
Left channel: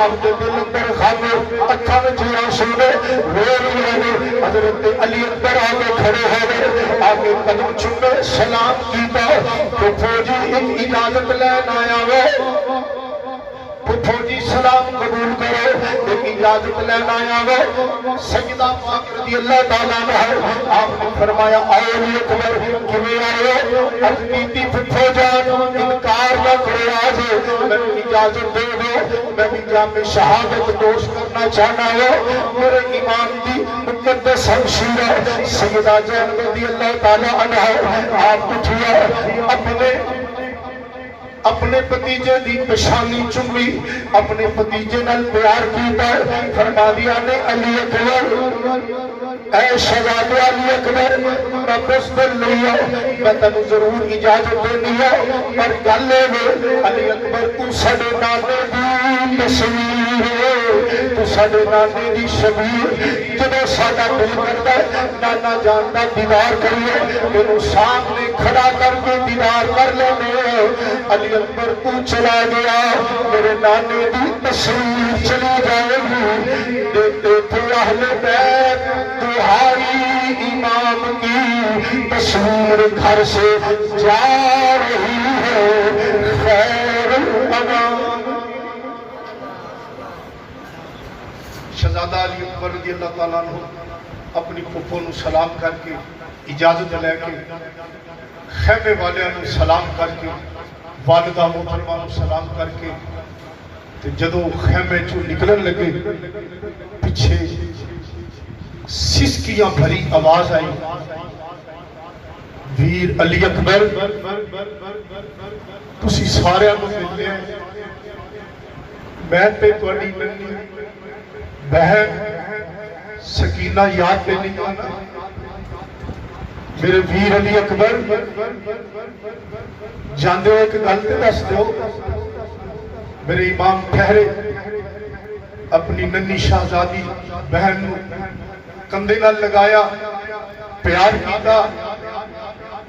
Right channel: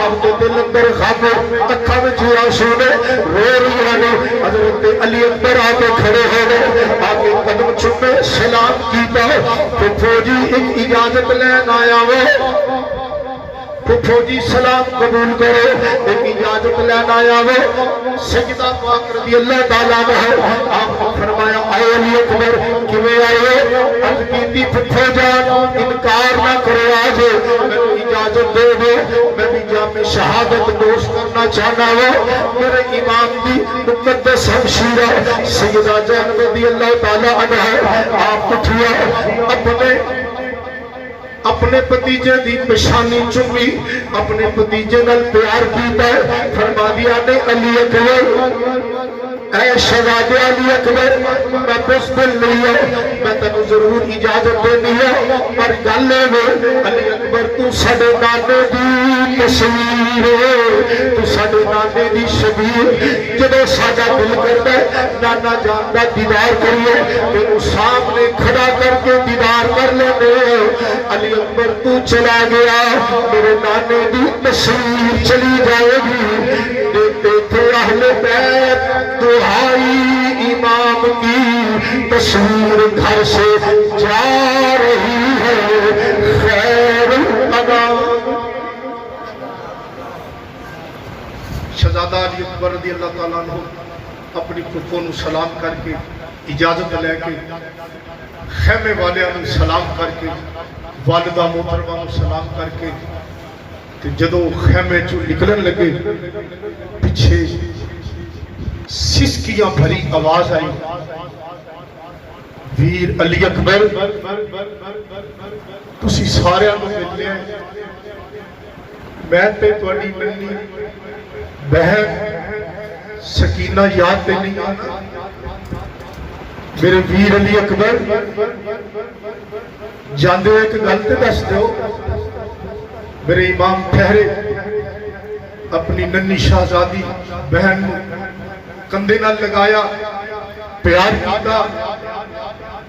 آپ کے دل اندر خامر اکھاں وچوں آنسو نے رو رہے ہیں. حضرت علی اکبر آگے کھڑے ہیں آگے قدم چومے سلام کیتا. پھپھو جی ایک اجازت لین آیا ہے پھپھو جی سلام قبول کرو ایک اجازت لین آیا ہے. سجدہ پاک رضی اللہ تعالیٰ عنہ آپ نے فرمایا آئے علی اکبر کیویں آئے. عرض کیتی پھپھو جان انکار نہ کرو آج میں اجازت دے دو میں بھی جامع شہادت نوش کرنا چاہنا ہوں. میرے امام دی مقدس ہمشیرہ سیدہ زینب رضی اللہ تعالیٰ عنہ آپ اٹھیا اپنے پتیجے دی پشانی چمی اپنے پتیجے نال پیار کیتا فرما دیا نے علی اکبر اے شہزادے علی اکبر میں بزدل نہیں ہوں میں تینوں ضرور اجازت دینی ہے پر گل ہے علی اکبر تو ساڈے نانے دی تصویر تو ساڈے نانے دی شبیر جدوں ساڈا دل کرتا ہے نانا جان دا دیدار کریے تینوں سامنے کھڑا کر کے دیدار کر لینے. علی اکبر تو چلا گیا میرے نانے دی تصویر چلی جائے گی. دیکھو اہل بیت دہائی امام کی تصویر گھر سے جا رہی ہے خیر الانام. شہزادہ علی اکبر رضی اللہ تعالیٰ عنہ اپنی پھپھو نو سلام کر کے اجازت لے کے خیمے والوں سلام کر کے والدہ محترمہ نو سلام کر کے جدو خیمے چو نکلن لگے پیچھے سسکیاں بھری آواز آئی ویر علی اکبر تسی سارے نو ملے ہیں میں تے تواڈی ننھی بہن سکینہ یاد تے نہیں آتا میرے ویر علی اکبر جاندے ہو ایک گل تے دس دیو میرے امام ٹھہرے اپنی ننھی شہزادی بہن کندھے نال لگایا پیار کیتا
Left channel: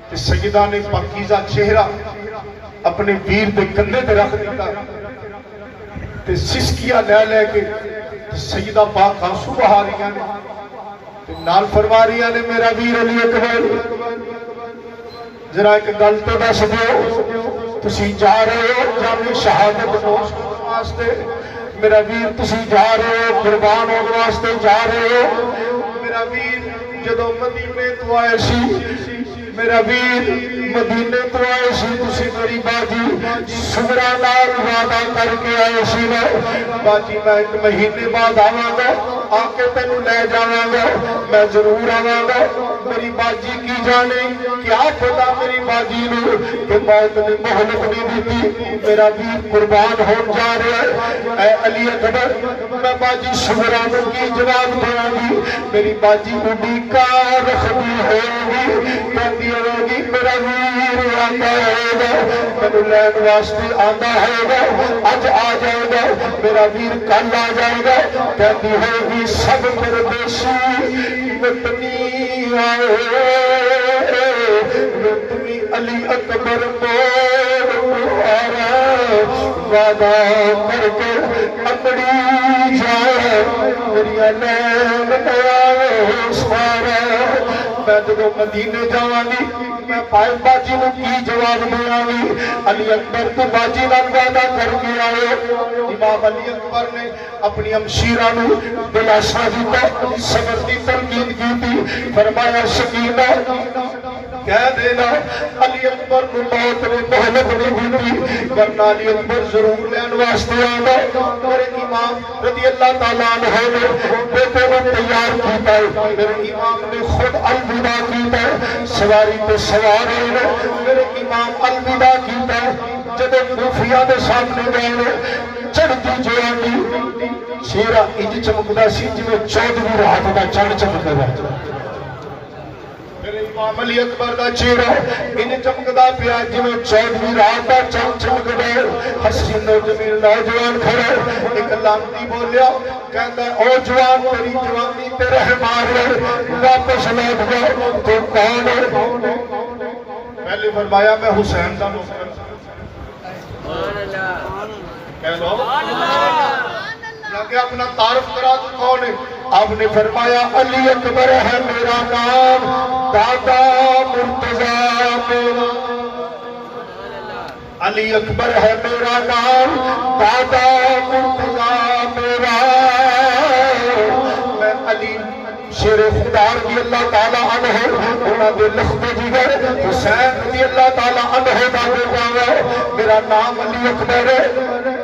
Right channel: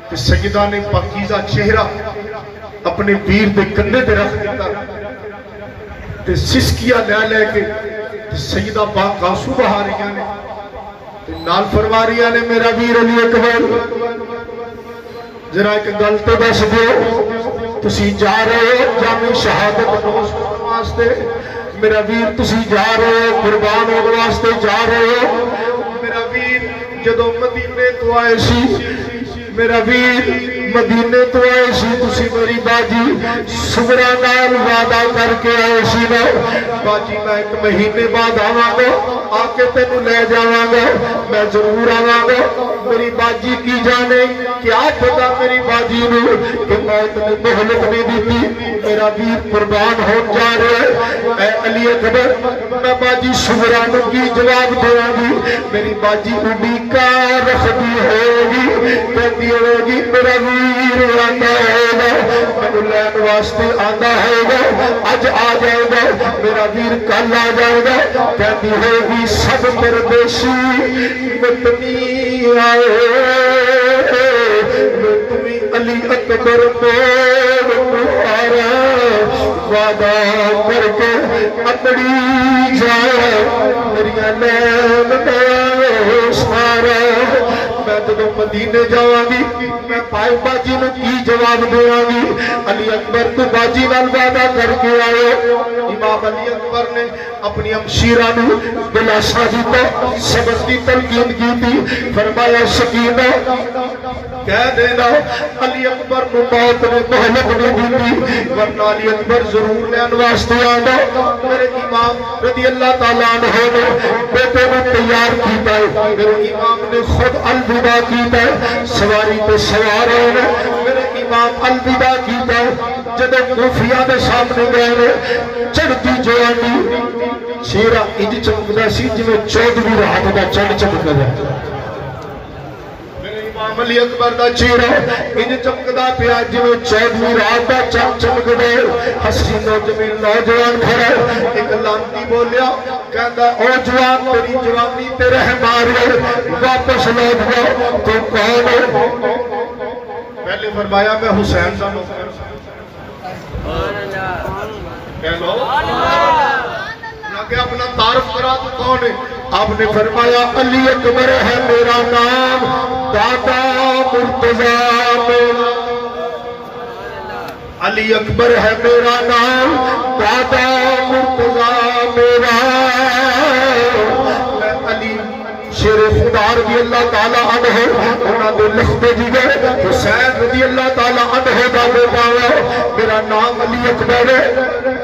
کہ سیدہ نے پاکیزہ چہرہ اپنے ویر دے کندھے تے رکھ دیتا تے سسکیاں لے کے سیدہ پاک آنسو بہا رہی نے نال فرما رہی نے میرا ویر علی اکبر ذرا ایک گل تے دس دیو تسی جا رہے ہو جامی شہادت نوش کرنے واسطے میرا ویر تسی جا رہے ہو قربان ہونے واسطے جا رہے ہو میرا ویر جدو مدینے تو آئے سی میرا ویر مدینے تو آئے سی تسی میری باجی سمرا نال وعدہ کر کے آئے سی لو باجی میں ایک مہینے بعد آواں گا آ کے تینوں لے جاواں گا میں ضرور آواں گا میری باجی کی جانے کیا پتا میری باجی نو کہ موت نے مہلت نہیں دیتی میرا ویر قربان ہو جا رہا ہے اے علی اکبر میں باجی سمرا نو کی جواب دیاں گی میری باجی نو بیکا رکھدی ہوگی کہتی ہوگی میرا ویر آتا ہوگا میں لین واسطے آتا ہوگا اج آ جائے گا میرا ویر کل آ جائے گا کہتی ہوگی سب پردیسی وطنی آئے تمہیں علی اکبر وعدہ کر کے اندڑی جائے دریا لین سارا میں تو مدینے جاواں گی میں پائے باجی نے کی جواب دیواں گی علی اکبر تو باجی نال وعدہ کر کے آئے امام علی اکبر نے اپنی ہمشیرہ نو دلاسا دیتا سبق دی تلقین کی تھی فرمایا سکینہ کہہ دینا علی اکبر نو موت نے مہلت نہیں دیتی ورنہ علی اکبر ضرور لین واسطے آنا میرے امام رضی اللہ تعالیٰ عنہ نے بیٹے نے تیار کیتا ہے میرے امام نے خود الوداع کیتا ہے سواری پہ سوار ہے میرے امام الوداع کیتا ہے جدے کوفیہ دے سامنے گئے چڑھتی جوانی چہرہ انج چمکدا سی جویں 14ویں رات دا چڑھ چمکدا امام علی اکبر دا چہرہ انج چمکدا پیا جویں 14ویں رات دا چڑھ چمکدے حسین نوجوان کھڑا ایک لانتی بولیا کہتا او جوان تیری جوانی تے رہ مار واپس لوٹ گیا تو کون ہے پہلے فرمایا میں حسین دا نوکر کہہ لو کہ اپنا تعارف کرا تو کون ہے آپ نے فرمایا علی اکبر ہے میرا نام دادا مرتضیٰ میرا علی اکبر ہے میرا نام دادا مرتضیٰ میرا میں علی شیر خدار بھی اللہ تعالیٰ عنہ انہاں دے لکھتے جگر حسین رضی اللہ تعالیٰ عنہ دا بیٹا میرا نام علی اکبر ہے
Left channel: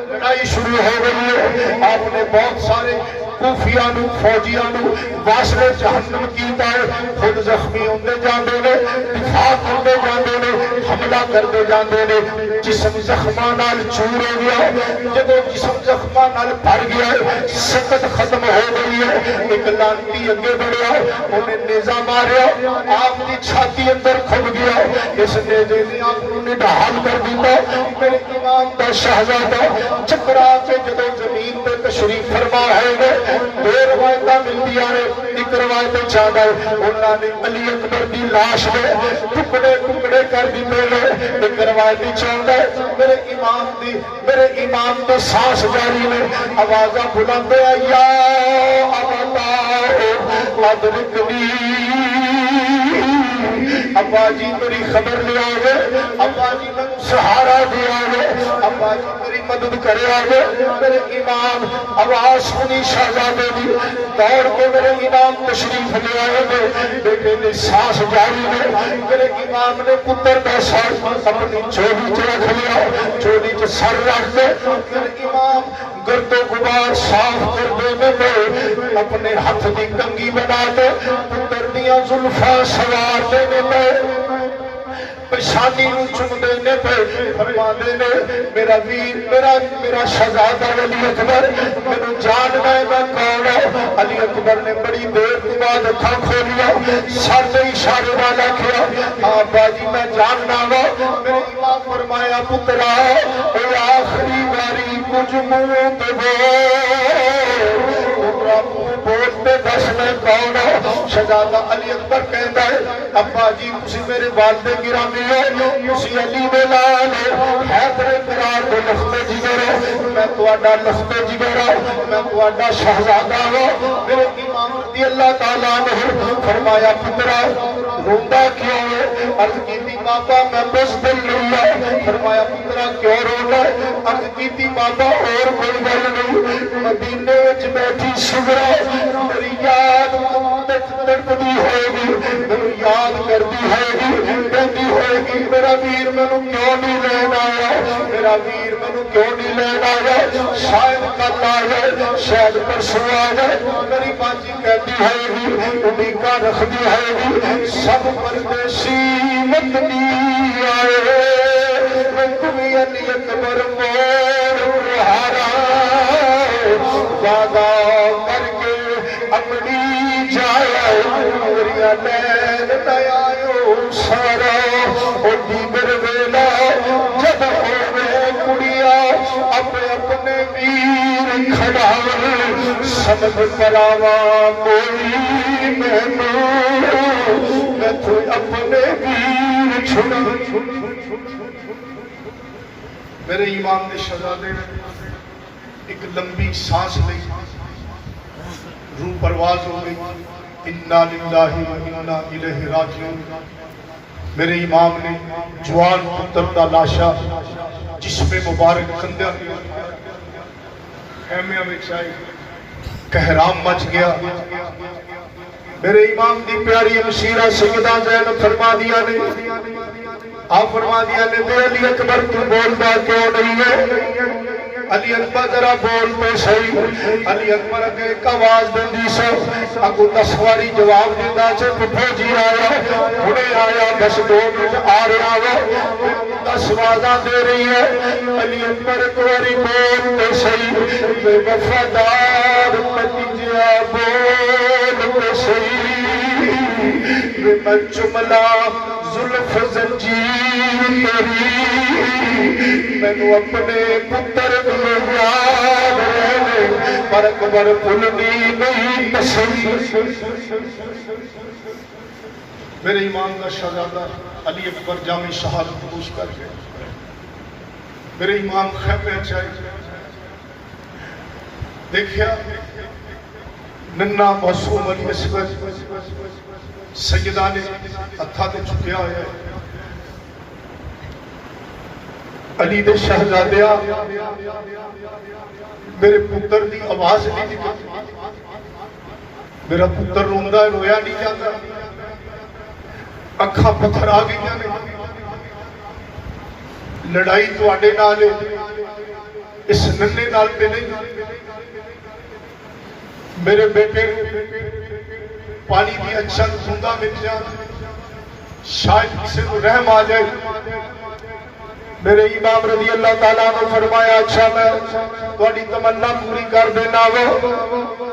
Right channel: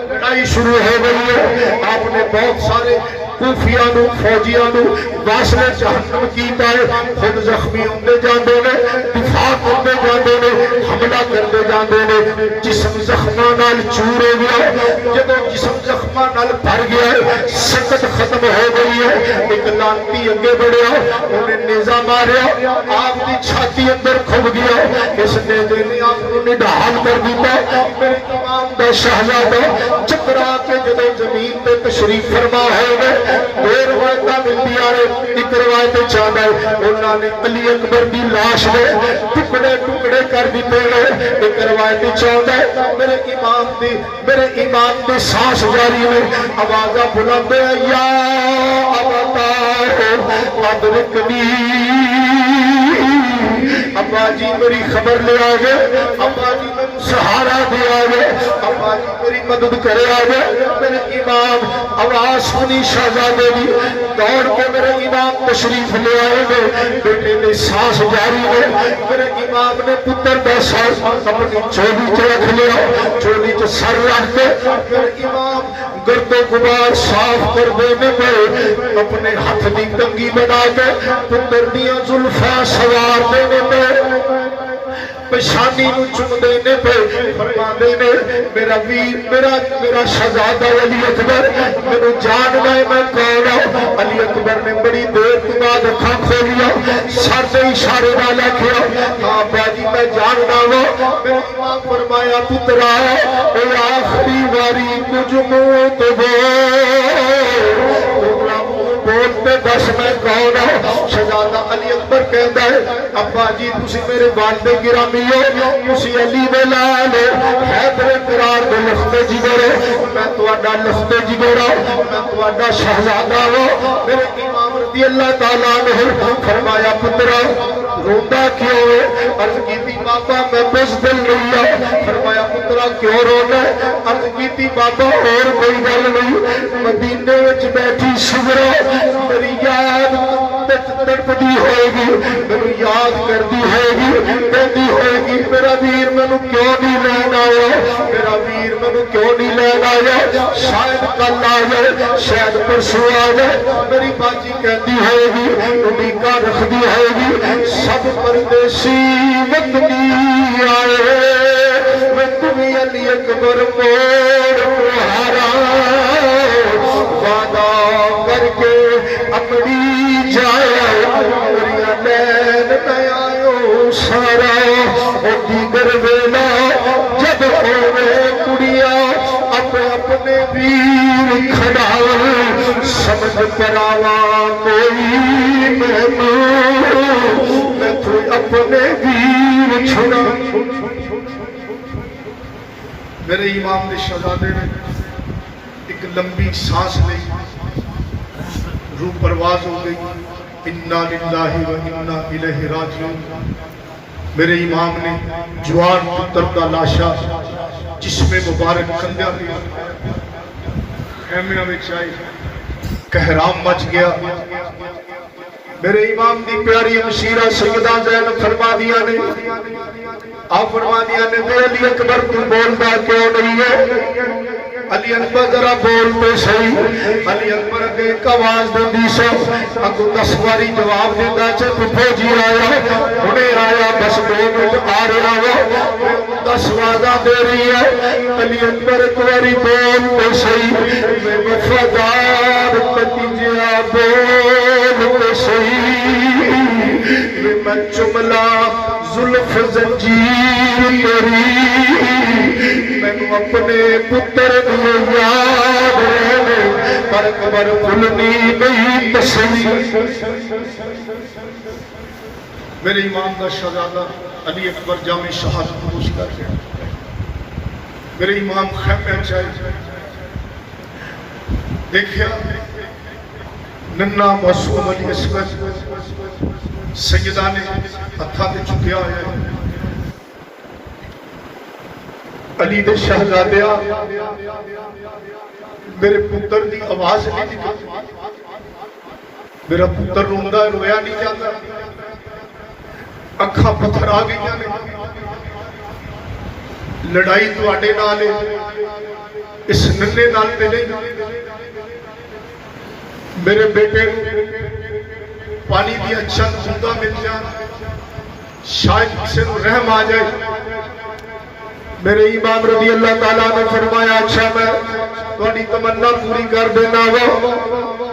لڑائی شروع ہو گئی ہے آپ نے بہت سارے کوفیاں نو فوجیاں نو واسطے جہنم کیتا ہے خود زخمی ہوندے جاندے نے دفاع کرتے جاندے نے حملہ کرتے جاندے نے جسم زخماں نال چور ہو گیا جدوں جسم زخماں نال بھر گیا سکت ختم ہو گئی ہے ایک لانتی اگے بڑھیا انہیں نیزہ ماریا آپ کی چھاتی اندر کھل گیا اس نیزے نے آپ کو نڈال کر دیتا میرے امام دے شہزادے چکرا کے جدوں زمین تے تشریف فرما ہوئے دو روایتاں ملتی آئے ایک روایت چاہتا ہے انہوں نے علی اکبر دی لاش نے ٹکڑے ٹکڑے کر دیتے ہیں ایک روایت چاہتا ہے میرے امام دے سانس جاری میں آوازہ بلاتے ہیں یا ابتا ادرکنی ابا جی میری خبر لے آگے ابا جی سہارا دیا گے ابا جی میری مدد کرے آگے میرے امام آواز سنی شہزادے دی دوڑ کے میرے امام تشریف لے آئے گے بیٹے نے سانس جاری ہے میرے امام نے پتر کا سانس اپنی چولی چ رکھ لیا چولی چ سر رکھ کے میرے امام گرد و غبار صاف کر دینے پر اپنے ہاتھ دی کنگھی بنا کے پتر دیا زلفاں سوار دینے پر پیشانی چم دینے پہ فرما دینے میرا ویر میرا شہزادہ علی اکبر میرے جاننا ہے میں کون ہوں علی اکبر نے بڑی دیر کے بعد اکھاں کھولیا سر سے اشارے والا کیا آبا جی میں جاننا ہوں میرے امام فرمایا پترا اے آخری باری کچھ منہ تو بولتے دس میں کون ہوں شہزادہ علی اکبر کہتا ہے ابا جی تسی میرے والد گرامی ہو تسی علی ملال حیدر قرار دے لختے جگرے میں تواڈا لختے جگرا میں تواڈا شہزادہ ہوں میرے امام رضی اللہ تعالیٰ نے فرمایا پترا روندا کیوں ہے عرض کیتی ماتا میں بزدل نہیں ہے فرمایا پترا کیوں رونا ہے عرض کیتی ماتا اور کوئی گل نہیں مدینے وچ بیٹھی شبرا میری یاد تڑپتی ہوئے گی میری یاد کرتی ہوئے گی کہتی ہوئے گی میرا ویر میں کیوں نہیں لین آیا میرا ویر میں کیوں نہیں لین آیا شاید کل آئے شاید پرسوں آئے میری باجی کہتی ہوئے گی امیدہ رکھتی ہوئے گی سب پردیسی وطنی آئے میں تمہیں علی اکبر موڑ ہارا وعدہ کر کے اپنی جائے میریا نین نیایو سارا اور دیگر ویلا جب ہوئے کڑیا اپنے ویر کھڑاؤ سمجھ کراوا کوئی میں تو اپنے ویر چھڑا میرے امام نے شہزادے نے ایک لمبی سانس لی روح پرواز ہو گئی انا للہ و انا الیہ راجعون میرے امام نے جوان پتر کا لاشا جس میں مبارک کندھیاں خیمیاں وچ آئی کہرام مچ گیا میرے امام دی پیاری مشیرہ سیدہ زینب فرما دیا نے آپ فرما دیا نے علی اکبر تو بولتا کیوں نہیں ہے علی اکبر ذرا بولتے صحیح علی اکبر اگے ایک آواز دیندی سو اگو 10 واری جواب دیندا چ فوجی آیا ہنے آیا بس 2 منٹ آ رہا وا 10 وعدہ دے رہی ہے علی اکبر ایک واری بولتے صحیح میں وفادار نتیجہ بولتے صحیح میں جملہ زلف زنجیر تیری میں اپنے پتر دے یاد رہنے پر اکبر بھولنی نہیں پسند میرے امام کا شہزادہ علی اکبر جامع شہادت نوش کر گیا میرے امام خیمے چاہیے دیکھیا ننا معصوم علی اصغر سیدہ نے ہتھاں تے چکیا ہے علی دے شہزادیا میرے پتر دی آواز نہیں دی میرا پتر روندا ہے رویا نہیں جاتا اکھاں پتھر آ گئی لڑائی تواڈے نال اس ننے نال تے نہیں میرے بیٹے پانی دی اچھا زندہ مل جائے شاید کسی کو رحم آ جائے میرے امام رضی اللہ تعالیٰ نے فرمایا اچھا میں تھوڑی تمنا پوری کر دینا وا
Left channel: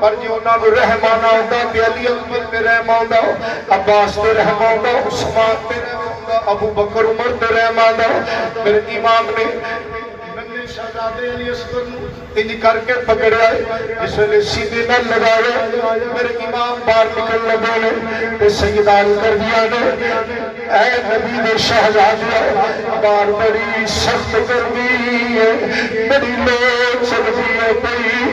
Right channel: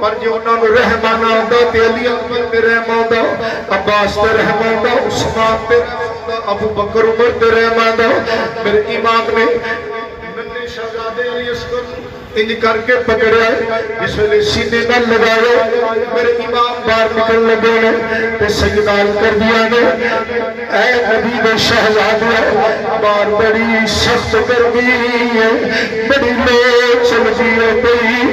پر جو انہوں نے رحم آنا ہوتا تے علی اکبر تے رحم آتا عباس تے رحم آتا عثمان تے رحم آتا ابو بکر عمر تے رحم آتا میرے امام نے ننے شہزادے علی اصغر ان کر کے پکڑیا اس ویلے سیدھے نہ لگائے میرے امام باہر نکل لگے تے سجدان کر دیا نے اے نبی دے شہزادے باہر بڑی سخت گرمی ہے بڑی لو چلتی ہے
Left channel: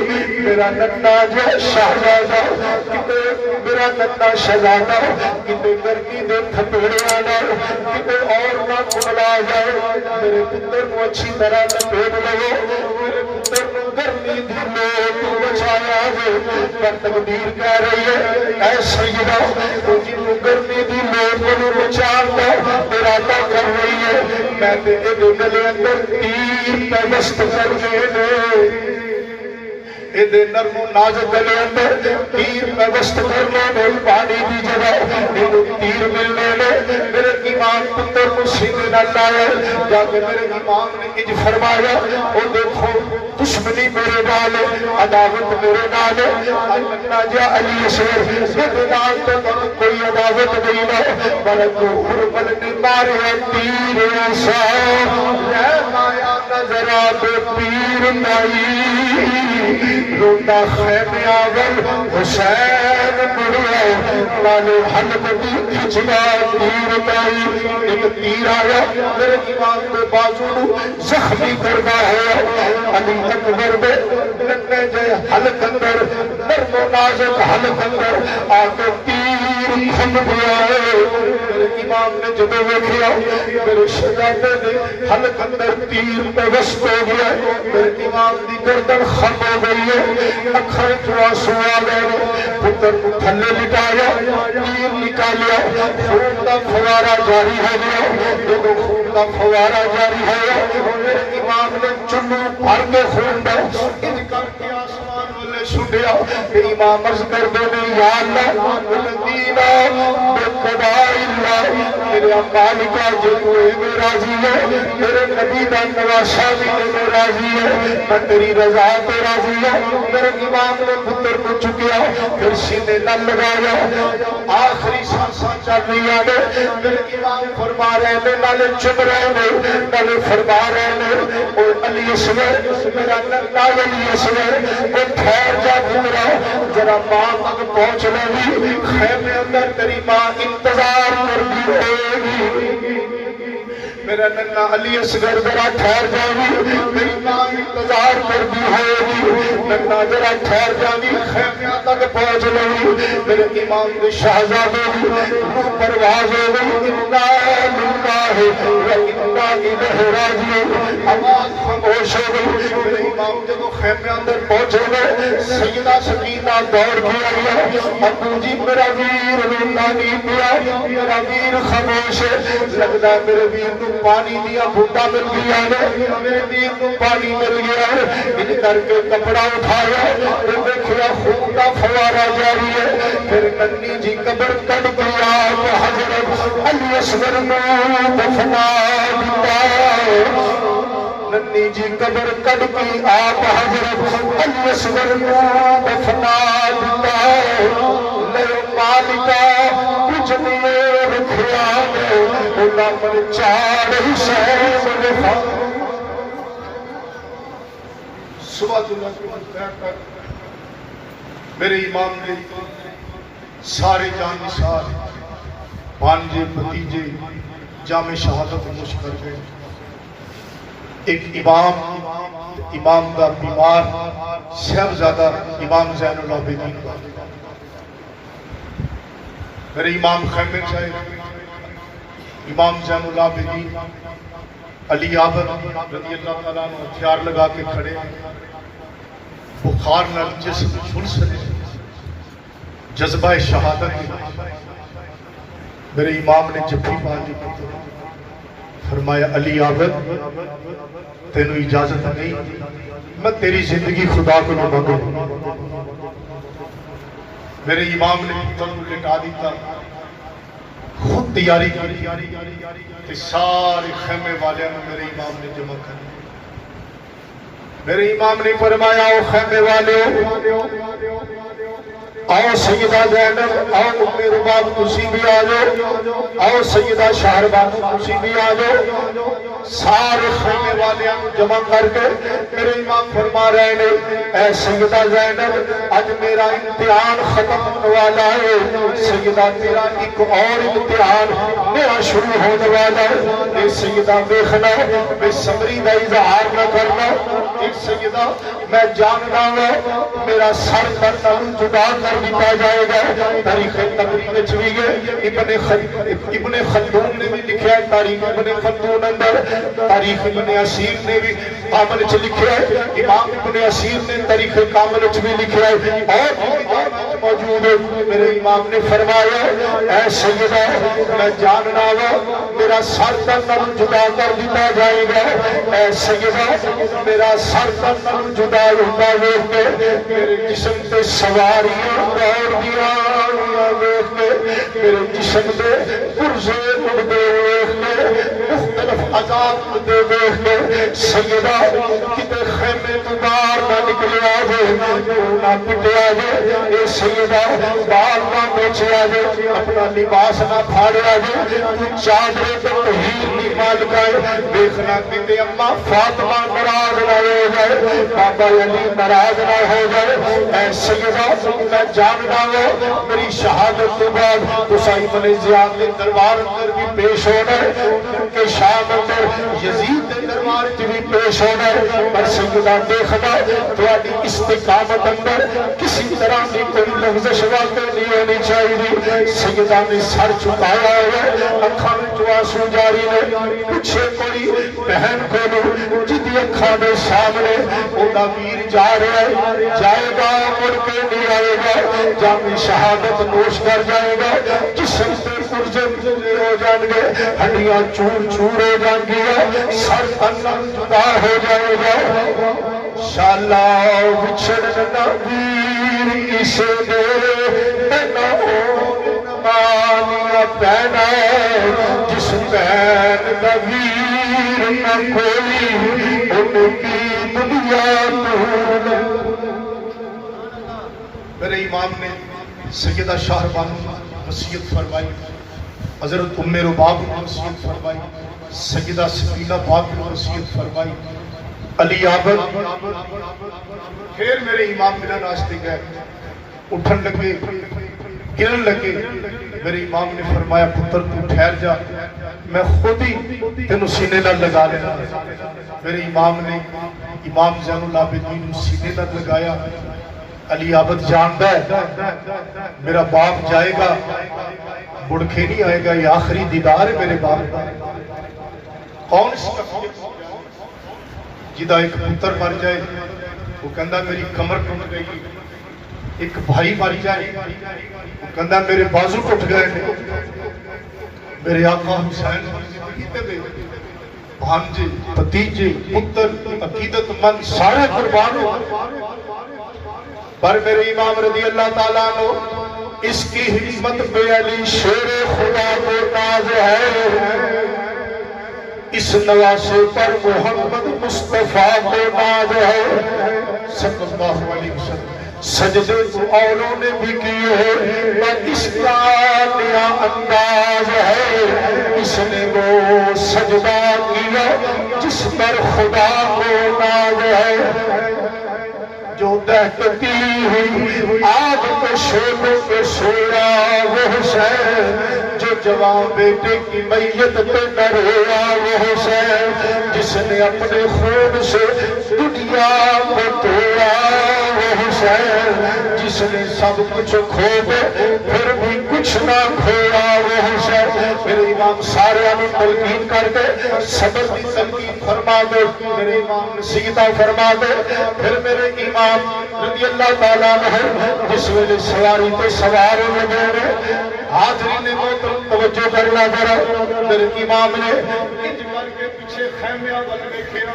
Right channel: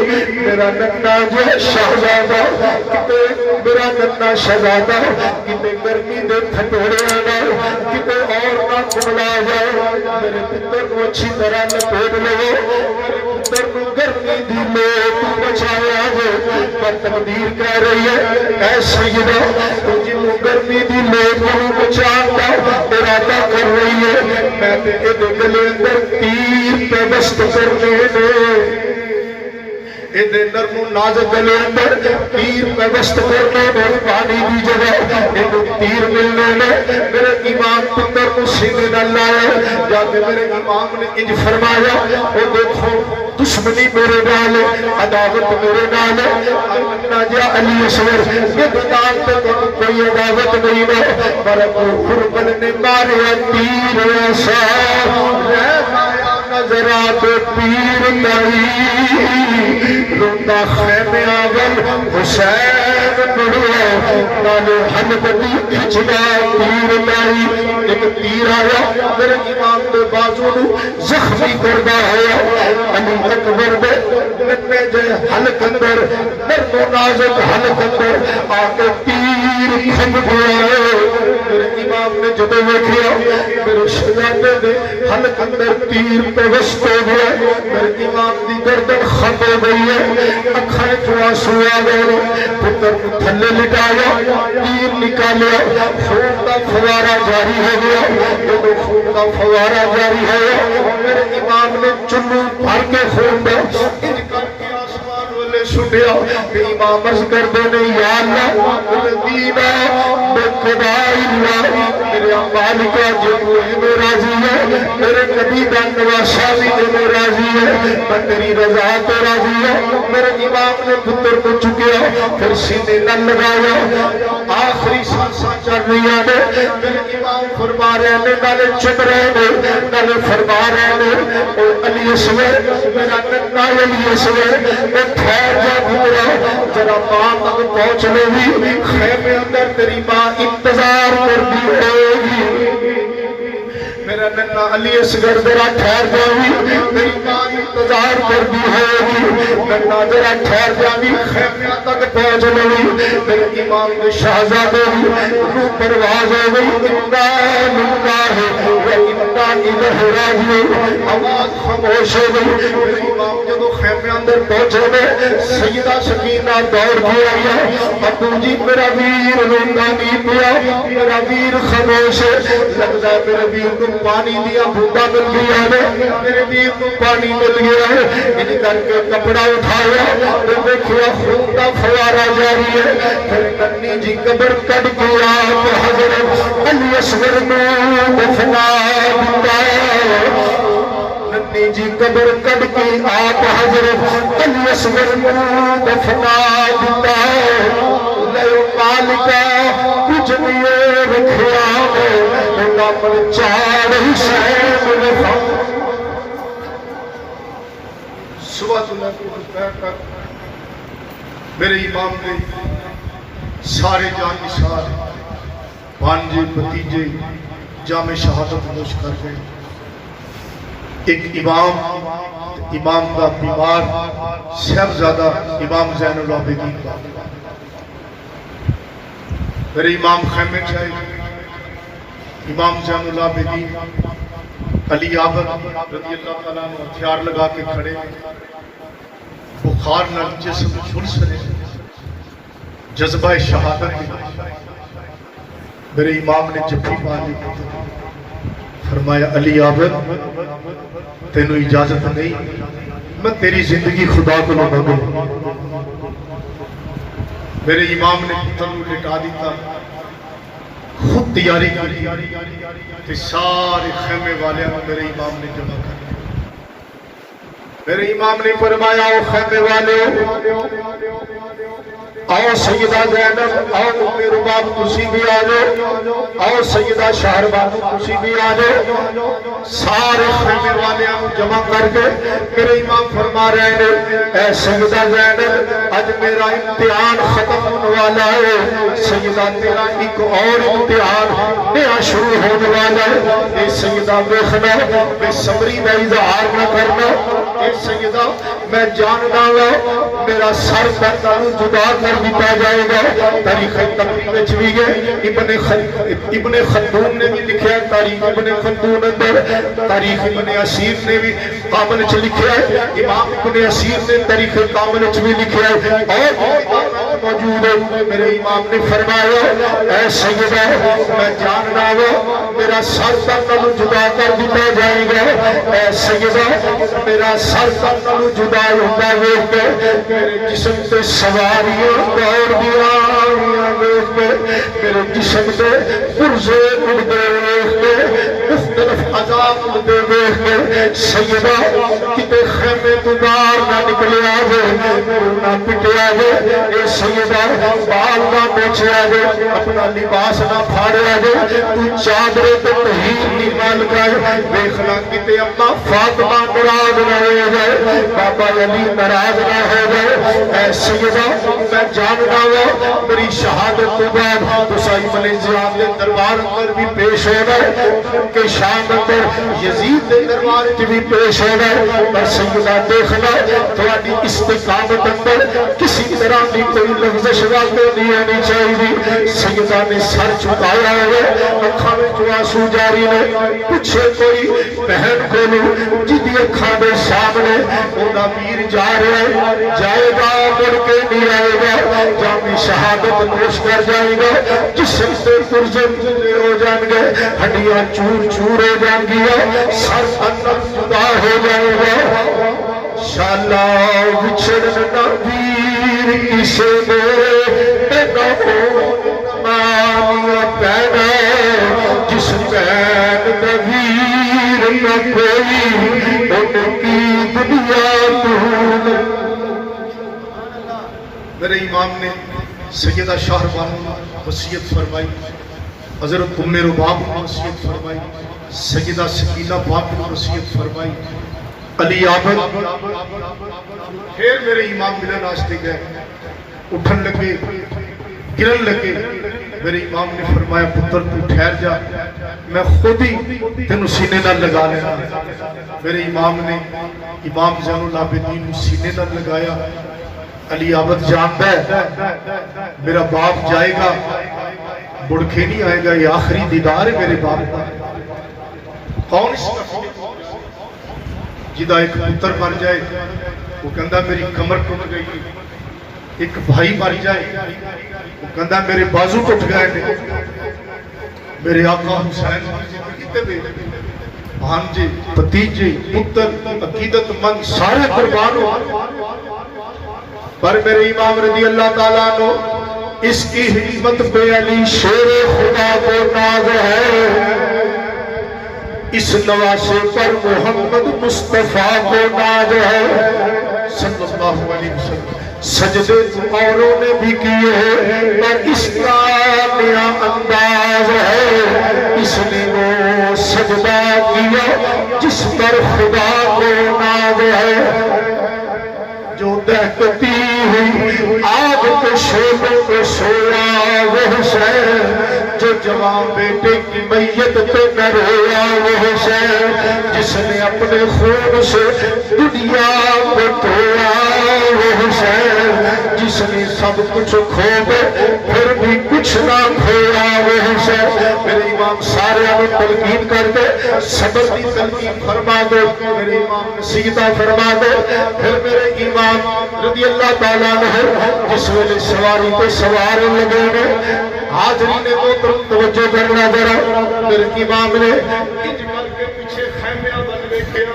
میرا ننا جو شہزادہ کتے میرا ننا شہزادہ کتے گرمی دے تھٹوڑے آنا کتے اور نہ کھلا جائے میرے پتر کو اچھی طرح نپیڑ لو میرے پتر کو گرمی دی لو تو بچایا جائے پر تقدیر کہہ رہی ہے اے سیدہ تو جنہوں گرمی دی لو تو بچاتا ارادہ کر رہی ہے میں تیرے گلے اندر تیر پہ بست کر دے ادھے نرم و نازک گلے اندر تیر پہ بست کرنے میں پانی دی جگہ ادھے تیر ملنے میں میرے امام پتر کو سیدھے نہ لائے جاتے میرے امام نے انج فرمایا وہ دیکھو دشمنی میرے نال عداوت میرے نال اللہ جا علی اصغر یہ نال تے کوئی عداوت نہیں ہے ملک غربل نے مارے تیر ایسا رہنایا نظرات پیر نہیں روتا خیمے آور حسین بڑھا لالو حمد بھی کھچنا تیر نہیں ایک تیر آیا میرے امام دے بازو زخمی کردہ ہے علی اکبر میں لگنے جائے حلق اندر نرم و نازک حلق اندر آگے تیر کھن گیا ہے میرے امام نے جب ویکھیا میرے شہزادے نے حلق اندر تیر پہ وسط ہو گیا میرے امام دی گردن خم ہو گئی ہے اکھر جو آنسو آ گئے پتر کو تھلے لٹایا تیر نکالیا خون کا فوارہ جاری ہو گیا خون کا فوارہ جاری ہو گیا میرے امام نے چنو بھر کے خون دے ان کر کے آسمان والے سٹیا کہ امام عرض کر دے نے یا اللہ الذین بقضاء اللہ میرے اعمال کے جتنے میں راضی ہے میرے نبی کا نواسہ بھی میں راضی ہے میں تیری رضا پہ راضی ہے میرے امام نے پتر کو چکیا پھر سینے نہ لگایا آخری سانساں چڑھ رہی ہیں میرے امام فرما رہے ہیں نالے چپ رہے ہیں نالے فرما رہے ہیں اور علی اصغر میرا ننا علی اصغر وہ ٹھہر جا پورا ذرا ماں تک پہنچ لے بھی خیمے اندر تیری ماں انتظار کر دی ہوگی میرا ننا علی اصغر ذرا ٹھہر جاوی تیری ماں انتظار کر دی ہوگی ننا ذرا ٹھہر جاوی خیمے تک پہنچ لے میرے امام نے شہزادے روح پرواز ہو گئی انا للہ انا الیہ راجعون آواز خاموش ہو گئی میرے امام جب خیمے اندر پہنچے گئے سیدہ سکینہ دوڑ کے آئی ابو جی میرا ویر رونا نہیں پیا میرا ویر خاموش ہے لگتا ہے میرے ویر کو پانی دیا بھوکا مل گیا ہے میرے ویر کو پانی مل گیا ہے ان کر کے کپڑا اٹھایا تو دیکھیا خون کا فوارہ جاری ہے پھر ننی جی قبر کٹ گیا حضرت علی اصغر میں دفنا دیا ننی جی قبر کٹ گئی آپ حضرت علی اصغر میں دفنا دیا نیو مالکہ کچھ نہیں رکھیا اللہ پر چار حسین صبح اللہ کی دوپہر تک میرے امام نے سارے جان نثار بانجے بھتیجے جامع شہادت نوش کر گئے ایک امام کا بیمار صاحبزادہ امام زین العابدین میرے امام خیمے صاحب امام زین العابدین علی عابد رضی اللہ تعالیٰ نے ہتھیار لگا کے کھڑے بخار نال جسم جھلس رہے جذبہ شہادت میرے امام نے جبھی ماری فرمایا علی عابد تینوں اجازت نہیں میں تیری زندگی خدا کو نہ مانگوں میرے امام نے پتر کو لٹا دیتا خود تیاری کری کہ سارے خیمے والے میرے امام نے جمع کر میرے امام نے فرمایا او خیمے والے آؤ سیدہ زینب آؤ ام رباب تسی بھی آ جاؤ آؤ سیدہ شہربانو تسی بھی آ جاؤ سارے خیمے والے جمع کر کے میرے امام فرما رہے ہیں اے سیدہ زینب آج میرا امتحان ختم ہونے والا ہے سیدہ تیرا ایک اور امتحان نیا شروع ہونے والا ہے اے سیدہ دیکھنا بے صبری کا اظہار نہ کرنا اے سیدہ میں جاننا ہوں میرا سر نالوں جدا کر دیا جائے گا. تاریخ تبری وچ بھی ابن خلدون نے بھی لکھا ہے, تاریخ ابن خلدون اندر, تاریخ ابن اسیر نے بھی کامل چ لکھا ہے, امام ابن اسیر نے تاریخ کامل چ بھی لکھا ہے, اور موجود ہے. میرے امام نے فرمایا اے سیدہ میں جاننا ہوں میرا سر نالوں جدا کر دیا جائے گا. اے سیدہ میرا سر نالوں جدا ہوتا ویکھ کے میرے جسم تے سواریاں دوڑ دیاں ویکھ کے میرے جسم تے پرزے اڑدے ویکھ کے مختلف عذاب اڑدے ویکھ کے سیدہ کتے خیمے تو باہر نہ نکلیا جائے, نہ پٹیا جائے, اے سیدہ بال نہ پوچھیا جائے, اپنا لباس نہ پھاڑیا جائے, تو چادرے تے تہیر نہیں مال گئے ویکھنا کتے اما فاطمہ ناراض نہ ہو جائے, بابا علی ناراض نہ ہو جائے. اے سیدہ میں جاننا ہوں میری شہادت کے بعد حسین علیہ السلام کے دربار اندر بھی پیش ہو گئے, ان کے شام اندر یزید کے دربار کی بھی پیش ہو گئے. اور سیدہ دیکھنا تھوڑی استقامت اندر کسی طرح کی کوئی لغزش واقع نہیں ہونی چاہیے. سیدہ نے سر جھکایا ہے, اکھاں وچ آنسو جاری نے, پوچھے کوئی بہن کو جدی اکھاں دے سامنے اوندا ویر جا رہا ہے, جائے گا مڑ کے نہیں آئے گا, جامی شہادت نوش کر جائے گا, جسم سے پرزے پرزے ہو جائیں گے, ہڈیاں چور چور ہو جائیں گی, سر تن جدا ہو جائے گا. شالا بچھڑنا ویر کسے دے نہ مانیا پیدا, جس پین دا ویر نہ کوئی ان کی دنیا تو. میرے امام نے سیدہ شاہ بانو وصیت فرمائی, حضرت ام رباب نے وصیت فرمائی, سیدہ سکینہ پاک نے وصیت فرمائی, علی آبل. پھر میرے امام میرے راستے گئے, اٹھن لگے, گرن لگے. میرے امام نے فرمایا پتر تو ٹھہر جا, میں خود ہی تینوں سینے نہ لگا لینا. میرے امام نے امام زین العابدین سینے نہ لگایا. علی عابد جانتا ہے میرا باپ جائے گا بڑھ کے نہیں آئے گا, یہ آخری دیدار ہے میرے باپ کا. کون اس کا جدا ایک پتر مر جائے وہ کہندا میری کمر ٹوٹ گئی, ایک بھائی مر جائے وہ کہندا میرے بازو ٹوٹ گئے. میرے آقا حسین بھانجے بھتیجے پتر عقیدت مند سارے قربان ہو, پر میرے امام رضی اللہ تعالیٰ عنہ اس کی حکمت پہ علی شیر خدا کو ناز ہے, اس نواسے پر محمد مصطفیٰ کو ناز ہے صلی اللہ علیہ وسلم. سجدے اوروں نے بھی کیے ہیں, اس کا نیا انداز ہے, اس نے وہ سجدہ کیا جس پر خدا کو ناز ہے. جو دہکتی ہوئی آگ کے شعلوں میں سویا وہ حسین, جو جوان بیٹے کی میت پہ نہ رویا وہ حسین, جس نے اپنے خون سے دنیا کو دھویا وہ حسین, جس نے سب کچھ کھو گئے پھر بھی کچھ نہ کھویا وہ حسین. میرے امام سارے ہمیں تلقین کر کے صبر کی تلقین فرما دے, میرے امام نصیحتاں فرما دے. پھر میرے امام رضی اللہ تعالیٰ عنہ جس ویلے سواری پہ سوارے لگے گے, حاضرین محترم توجہ کرنا ذرا. میرے امام نے انج کر کے پیچھے خیمے اول ویکھیا,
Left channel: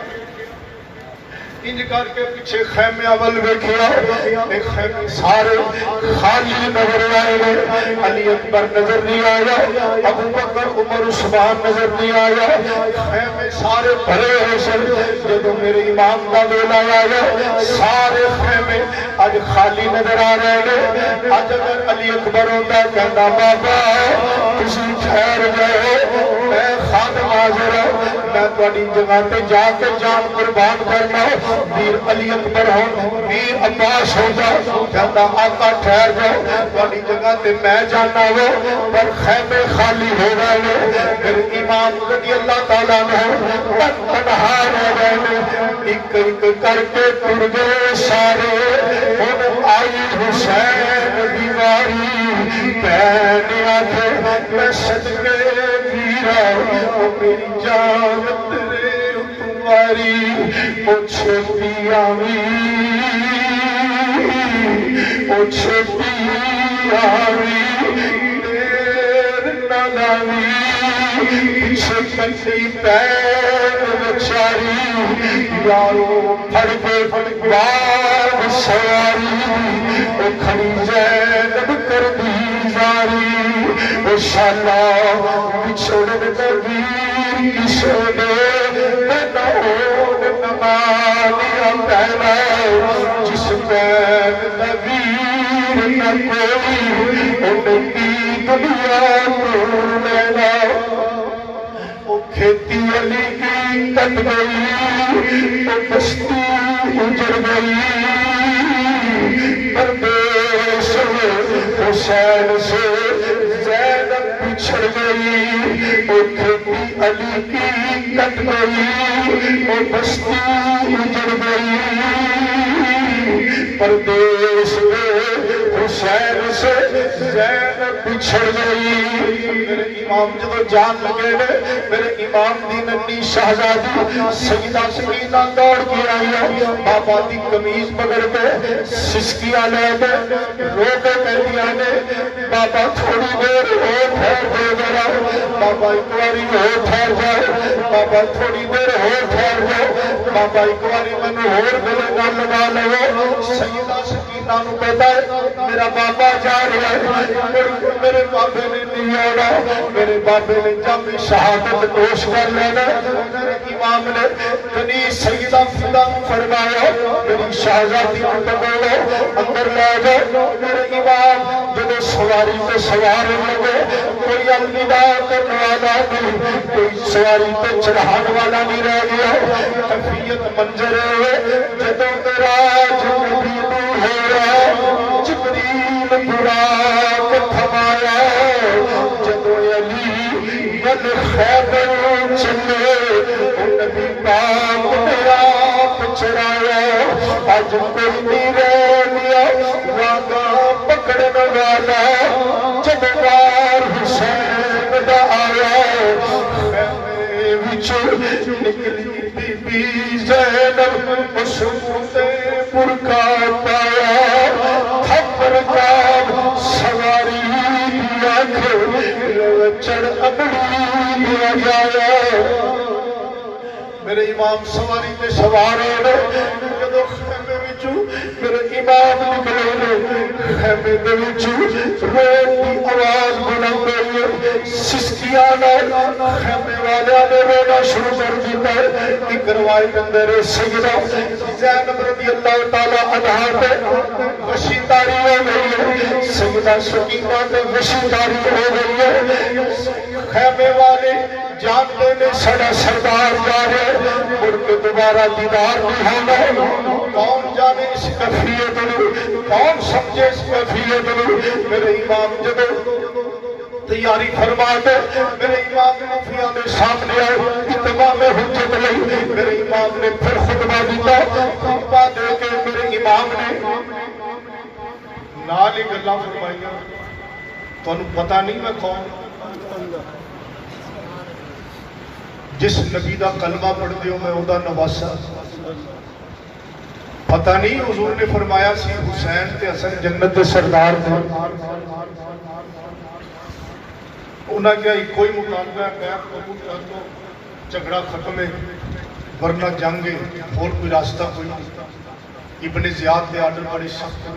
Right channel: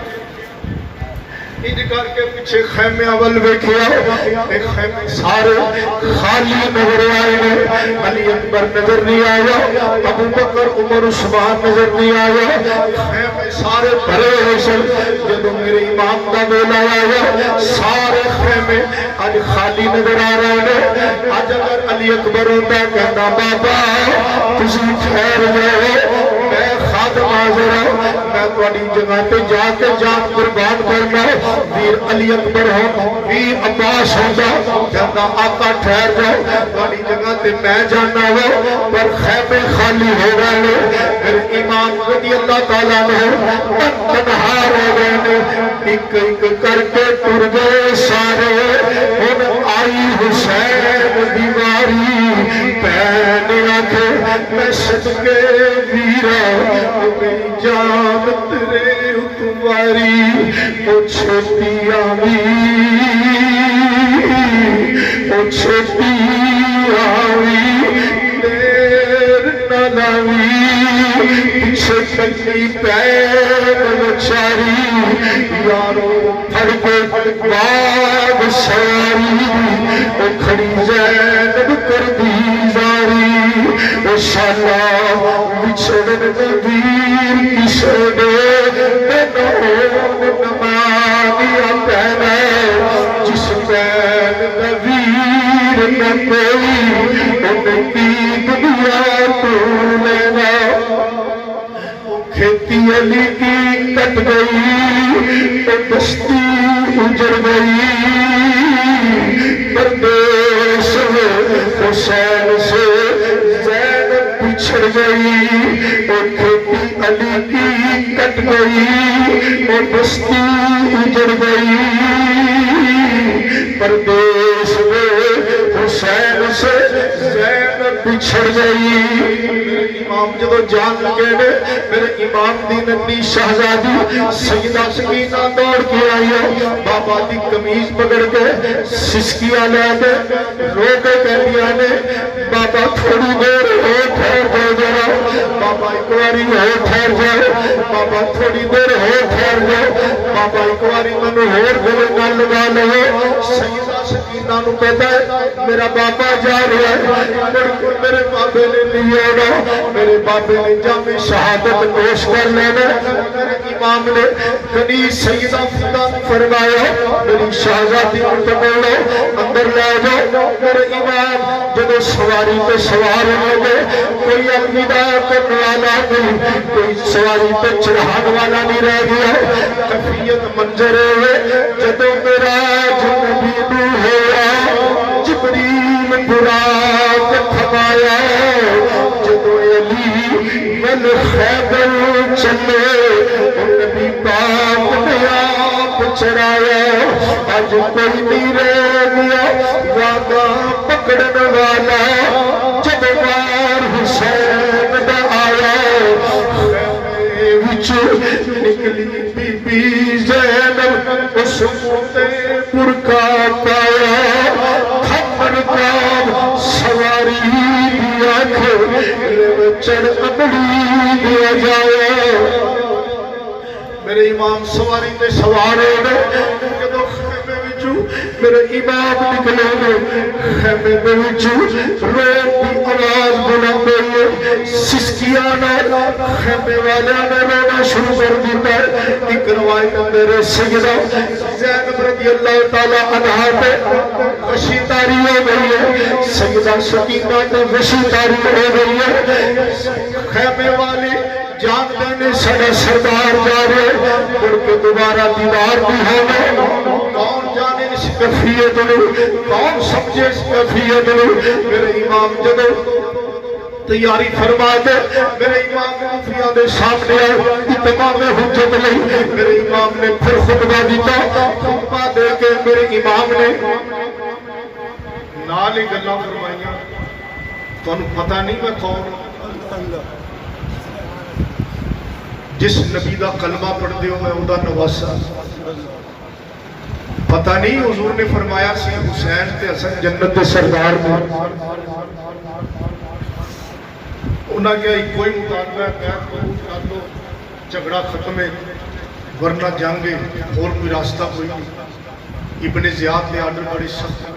انج کر کے پیچھے خیمے اول ویکھیا, ایک خیمے سارے خالی نظر آئے, علی اکبر نظر نہیں آیا, ابو بکر عمر عثمان نظر نہیں آیا, خیمے سارے بھرے ہوئے سن. جدوں میرے امام کا ویلا آیا سارے خیمے اج خالی نظر آ رہے ہیں. اج اگر علی اکبر ہوتا کہنا بابا تسی ٹھہر گئے, میں خادم حاضر ہوں, میں تھوڑی جگہ پہ جا کے جان قربان کرنا ویر علی اکبر ہو ویر عباس ہو جاؤ جاتا آقا ٹھہر جاؤ تھوڑی جگہ پہ میں جانا ہو پر خیمے خالی ہو رہے میرے امام رضی اللہ تعالیٰ نے تنہا رہ گئے ایک ایک کر کے ٹر گئے سارے ان آئی حسین دیواری پہنے آنکھیں میں صدقے ویرا میری جان تیرے تمہاری او چھوٹی آمی او چھوٹی آمی دیر نہ لاوی پیچھے کلی پیر بچاری یارو پھڑ کے بعد سواری او کھڑی زینب کر دی زاری او شالا بچھڑ نبیر کسے نے نہون نمانیا پہنا جس پین نبیر نہ کوئی ان کی دنیا تو لینا کھیتی علی کی کٹ گئی تو بستی اجڑ گئی پردیس حسین سے زینب پچھڑ گئی اور کھیتی علی کی کٹ گئی اور بستی اجڑ گئی پردیس حسین سے زینب پچھڑ گئی امام جدو جان لگے نے میرے امام دی ننی شہزادی سیدہ سکینہ دوڑ کے آئی ہے بابا دی قمیض پکڑ کے سسکیاں لے آنے روٹے پہلی آنے بابا تھوڑی دیر ہو ٹھہر دے جاؤ بابا ایک واری ہو ٹھہر جاؤ بابا تھوڑی دیر ہو ٹھہر جاؤ بابا ایک واری منو ہور گلے نہ لگا لو سیدہ سکینہ نو کہتا ہے میرا بابا جا رہا ہے میرے بابے نے نہیں آنا میرے بابے نے جامع شہادت پیش کر لینے میرے امام نے کبھی سیدہ فیدہ فرمایا میری شہزادی کو پکڑو اندر لے جاؤ میرے امام جب سواری پہ سوار ہونے گے کوئی الوداع کرنے والا نہیں کوئی سواری پہ چڑھانے والا نہیں رہ گیا کفیت منظر ہے جب میرا جبریل ہو رہا جبریل برا تھمایا خیبر چلے نبی پاک نے آپ چڑھایا آج کوئی نہیں رہ گیا وعدہ پکڑنے والا جب بار حسین دا آیا خیمے وچ نکلی بی بی زینب اس فتح کا پایا تھپڑ کا سواری دی آنکھ چڑھ اپنی دیا جایا میرے امام سواری تے سوار ہوئے جدو خیمے وچو میرے امام نکلے گے خیمے وچو روٹ کی آواز بلند ہوئے سسکیاں نہ خیمے والا نے رونا شروع کر دیتا ایک روایت اندر سجدہ زینب رضی اللہ تعالیٰ عنہ پہ وشی تاری ہو گئی ہے سیدہ سکینہ تو وشی تاری ہو گئی ہے خیمے والے جانتے نے سارے سردار جا رہے ان کے دوبارہ دیدار بھی ہونا کون جانے اس کفیت کون سمجھے اس کفیت میرے امام جب تیاری فرما کے میرے امام مفیہ دے سامنے اتمام حجت نہیں میرے امام نے پھر خطبہ دیتا خطبہ دے کے میرے امام نے نالے گلہ فرمائیاں تو انہوں پتہ نہیں میں کون جس نبی دا کلمہ پڑھتے ہو میں اوہ دا نواسا پتہ نہیں حضور نے فرمایا سی حسین تے حسن جنت دے سردار دے انہاں کیا کوئی مقابلہ ہے بیعت قبول کر لو جھگڑا ختم ہے ورنہ جنگ ہے اور کوئی راستہ کوئی نہیں ابن زیاد نے آرڈر بڑی سخت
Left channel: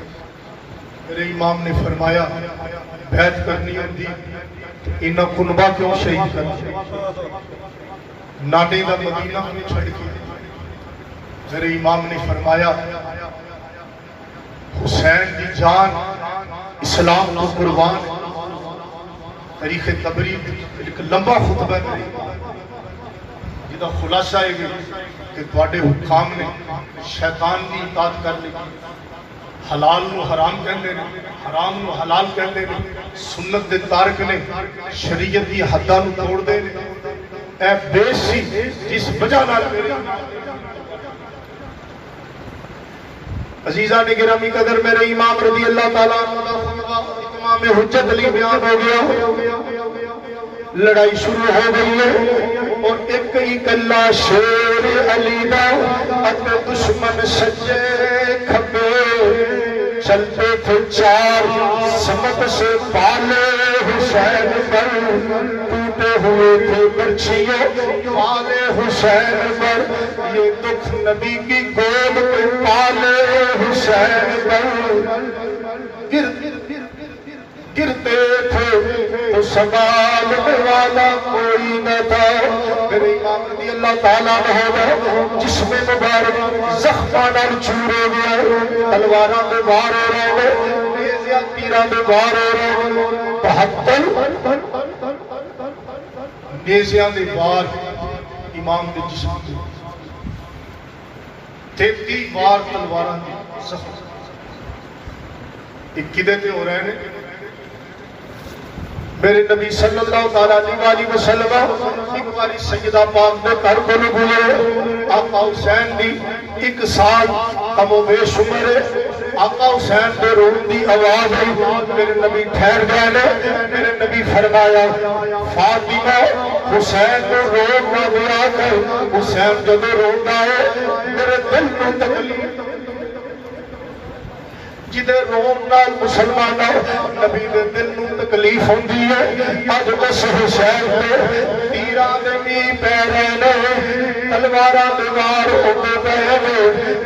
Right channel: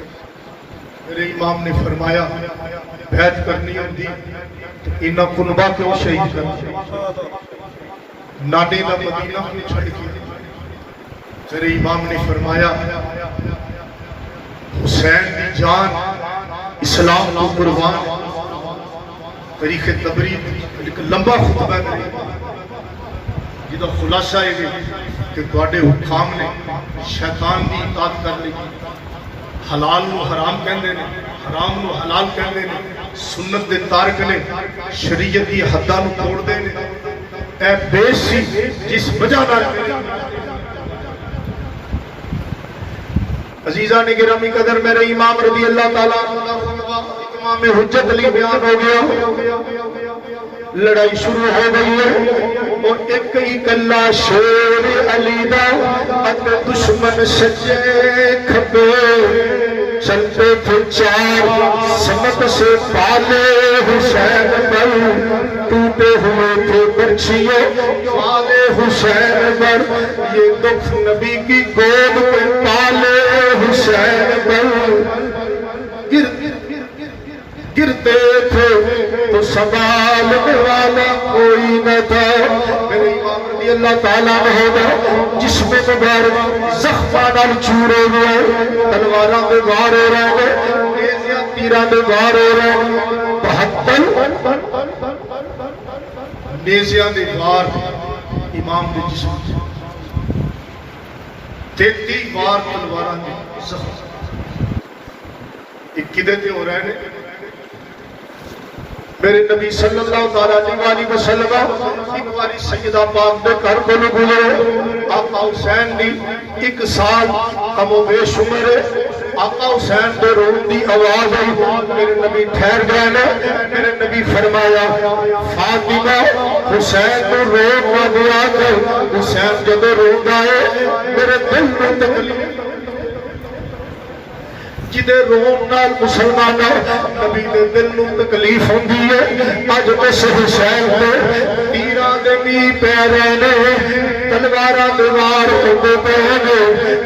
میرے امام نے فرمایا بیعت کرنی ہوتی انہاں کنبہ کیوں شہید کرنا نانے کا مدینہ میں چھڑ کی میرے امام نے فرمایا حسین کی جان اسلام کو قربان تاریخ تبریز ایک لمبا خطبہ ہے جدا خلاصہ ہے کہ تواڈے حکام نے شیطان کی اطاعت کر لی، حلال نو حرام کہندے نے، حرام نو حلال کہندے نے، سنت دے تارک نے، شریعت دی حداں نو توڑ دے نے۔ اے بے سی جس وجہ نال عزیزان گرامی قدر میرے امام رضی اللہ تعالیٰ عنہ خطبہ امام حجت علی بیان ہو گیا، لڑائی شروع ہو گئی ہے اور ایک ہی کلا شیر علی دا اگر دشمن سجے کھبے چلتے تھے چار سمت سے پالے حسین پر ٹوٹے ہوئے تھے برچھیوں پالے حسین پر یہ دکھ نبی کی گود پہ پالے حسین پر گرتے تھے تو سنبھالنے والا کوئی نہ تھا۔ میرے امام رضی اللہ تعالیٰ عنہ جس میں مبارک زخماں چور ہو گئے، تلواراں دے وار ہو رہے ہیں، نیزیاں تیراں دے وار ہو رہے ہیں، 72 نیزیاں دے وار امام دے جسم 33 وار تلواراں دے زخم ایک کدے تے ہو رہے ہیں۔ میرے نبی صلی اللہ علیہ وسلم ایک باری سیدہ پاک دے گھر کو گزرے، آقا حسین دی 1 سال کم و بیش عمر ہے، آقا حسین دے رون دی آواز ہے، میرے نبی ٹھہر گئے نے، میرے نبی فرمایا فاطمہ حسین کو رو نہ دیا کر، حسین جب رو گئے میرے دل کو تکلیف جدے رون نال مسلمانوں نبی دے دل نو تکلیف ہوندی ہے۔ اج اس حسین دے تیراں دے بھی پے رہے نے، تلواراں دے وار ہوندے پے نے۔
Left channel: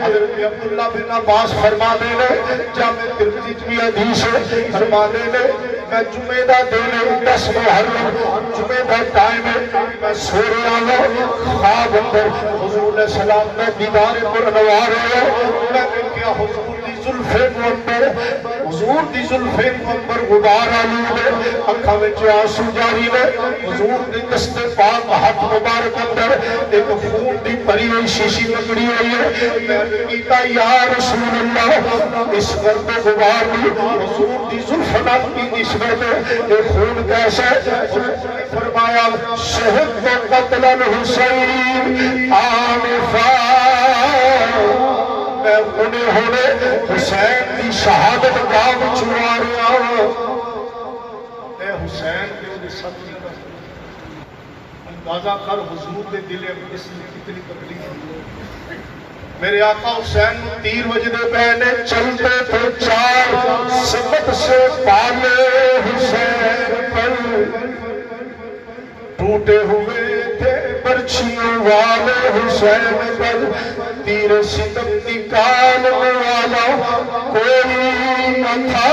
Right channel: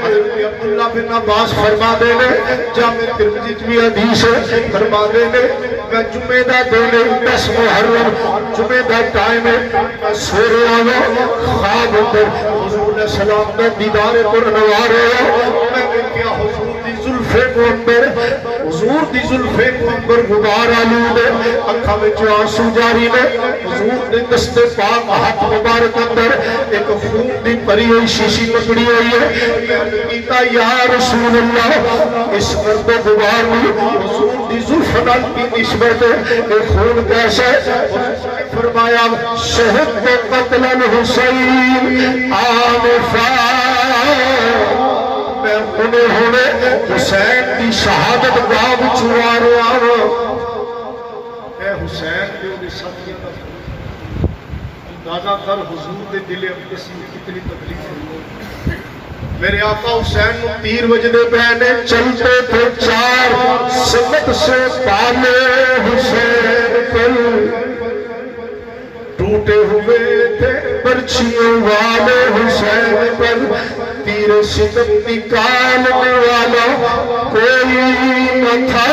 حضرت عبداللہ بن عباس فرماندے نے، جامع ترمذی بھی حدیث ہے، فرماندے نے میں جمعے دا دن 10 محرم جمعے دا ٹائم ہے، میں سو رہا ہوں، خواب اندر حضور علیہ السلام دا دیدار پر نوار ہوا، میں دیکھیا حضور دی زلفے کو اندر، حضور دی زلفے کو اندر غبار آلود ہے، اکھاں وچ آنسو جاری نے، حضور دے دست پاک ہاتھ مبارک اندر ایک خون دی پری ہوئی شیشی پکڑی ہوئی ہے۔ میں کیتا یا رسول اللہ اس گرد و غبار میں حضور دی زلف نال کی نسبت ہے، یہ خون کیسے؟ فرمایا شہد و قتل الحسین آنفا، میں انہیں ہونے حسین دی شہادت گاہ چھڑا رہا ہوں۔ اے حسین کے انہیں سب کے اندازہ کر حضور دے دل اقدسی کتنی تکلیف ہوئی۔ میرے آقا حسین نو تیر وجدے پہنے، چلتے تھے چار سمت سے پالے حسین پر، ٹوٹے ہوئے تھے برچھیوں والے حسین پر، تیر ستم نکالنے والا کوئی نہ تھا،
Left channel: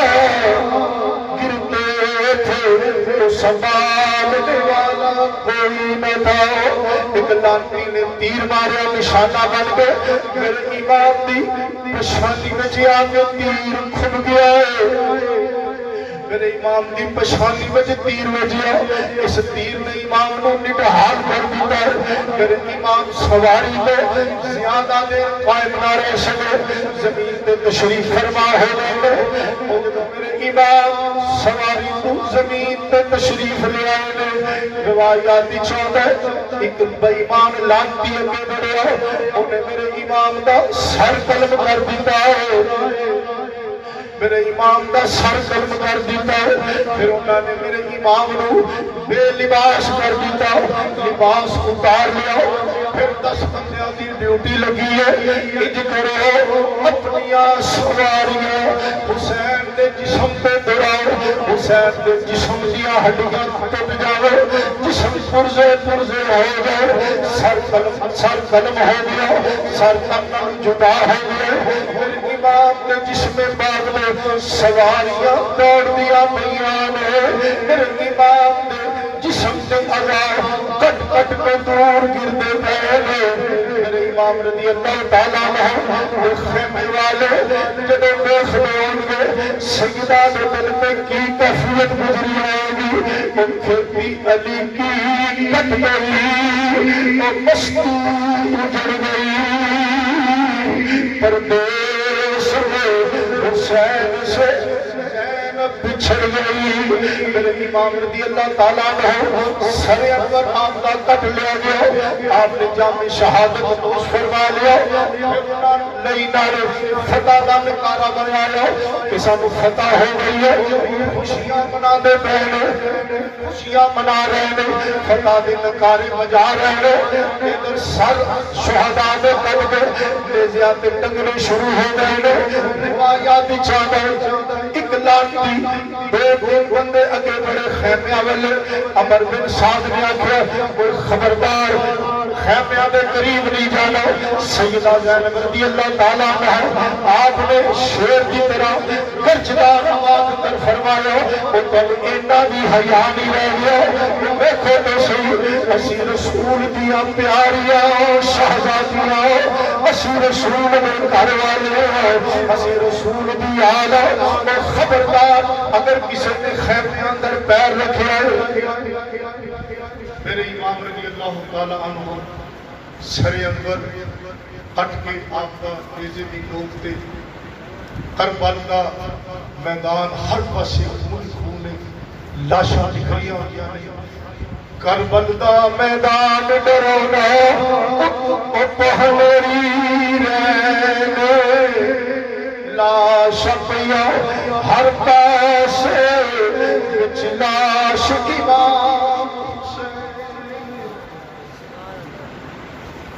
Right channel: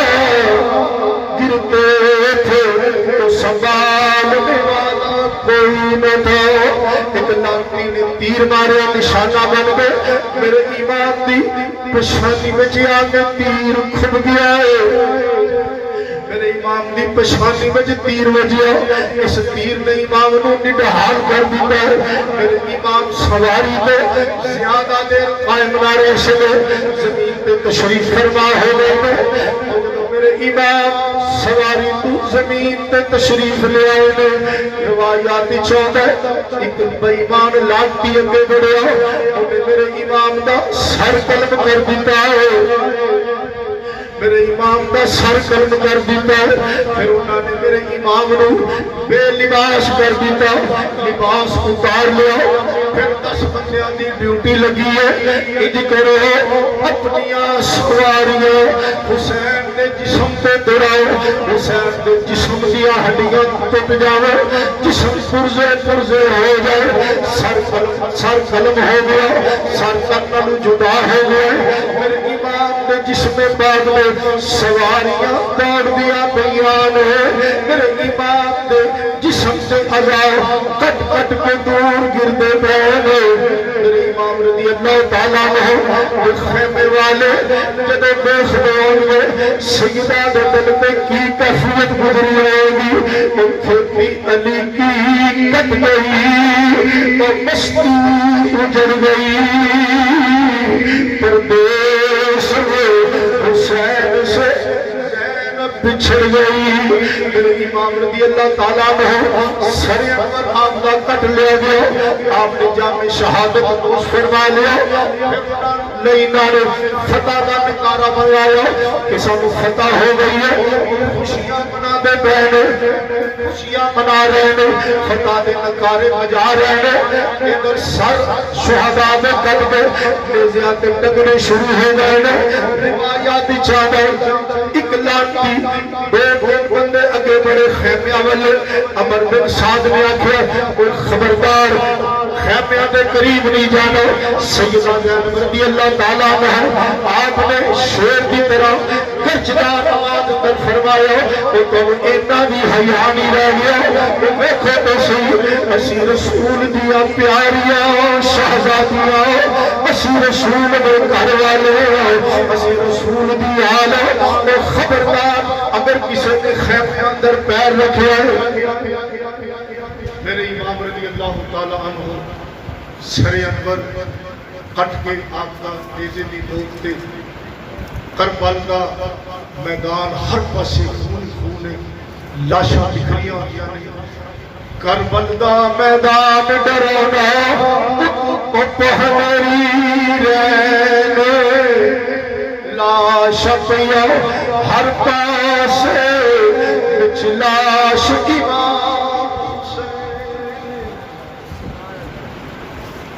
گرتے تھے تو سنبھالنے والا کوئی نہ تھا۔ ایک لاٹھی نے تیر مارے نشانہ بن گئے، میرے امام دی پشانی میں جی آگے تیر کھب گیا ہے، میرے امام دی پشانی میں جی تیر وجیا، اس تیر نے امام کو نڈھال کر دیتا ہے۔ میرے امام سواری میں زیادہ دیر قائم نہ رہ سکے، زمین پہ تشریف فرما ہو گئے، میرے امام سواری تو زمین پہ تشریف لے آئے، روایات چاہتا ہے ایک بےمان لانتی اگے بڑھیا، انہیں میرے امام دا سر قلم کر دیتا ہے، میرے امام دا سر قلم کر دیتا ہے، پھر انہوں نے میرے امام نو بے لباس کر دیتا، لباس اتار لیا، پھر 10 بندیاں دی ڈیوٹی لگی ہے، انج کرو اپنی سواریاں حسین دے جسم پہ دوڑاؤ، حسین دے جسم دیا ہڈیاں ٹوٹ جاوے، جسم پرزے پرزے ہو گئے، سر قلم ہو گیا، سر قلم جدا ہو گئے، میرے امام دے جسم پاک میں سواریاں دوڑ دیا بیان ہے، میرے امام دے جسم سے عذاب کٹ کٹ کے دور گردے پہنے، میرے امام رضی اللہ تعالیٰ عنہ خیمے والے جب دیکھ رہے گے سیدہ کے دل میں کی کیفیت گزری رہے گی، کھیتی علی کی کٹ گئی اور مستی اجڑ گئی، پردیس میں حسین سے بچھڑ گئی۔ امام رضی اللہ تعالیٰ عنہ سر انور آپ کا کٹ لے گیا، آپ نے جامع شہادت اس فرما لیا، نئی نعرے فتح کا نکارہ بنوایا کہ سب فتح ہو گئی ہے، خوشیاں منا دے بہنے، خوشیاں منا رہے ہیں، فتح دے نکارے بجا رہے ہیں، ادھر سر شہداء میں کٹ گئے، نیزیات ٹکرے شروع ہو گئے ہیں، روایات چاہے ایک لاٹھی دو بندے اگے بڑے خیمے والے عمر بن سعد نے آکھا کوئی خبردار خیمے کے قریب نہیں جانا۔ سیدہ زینب رضی اللہ تعالیٰ عنہ آپ نے شیر کی طرح گرجدار آواز میں فرمایا اور تو اینا بھی حیا نہیں رہ گیا، دیکھو تو صحیح اسی رسول دیا پیاریاں شہزادیاں، اسی رسول دے گھر والے، اسی رسول دی آلہ، خبردار اگر کسی کے خیمے اندر پیر رکھے میرے امام رضی اللہ تعالیٰ عنہ سر انور کٹ کے آقا تیزے دی دوکتے کربل کا میدان ہر پاسے خون خونے لاشاں نکلیاں ہوئی، کربل کا میدان ڈرونا او پہلری رہنے لاش پیا ہر پاسے بچ لاش امام سے۔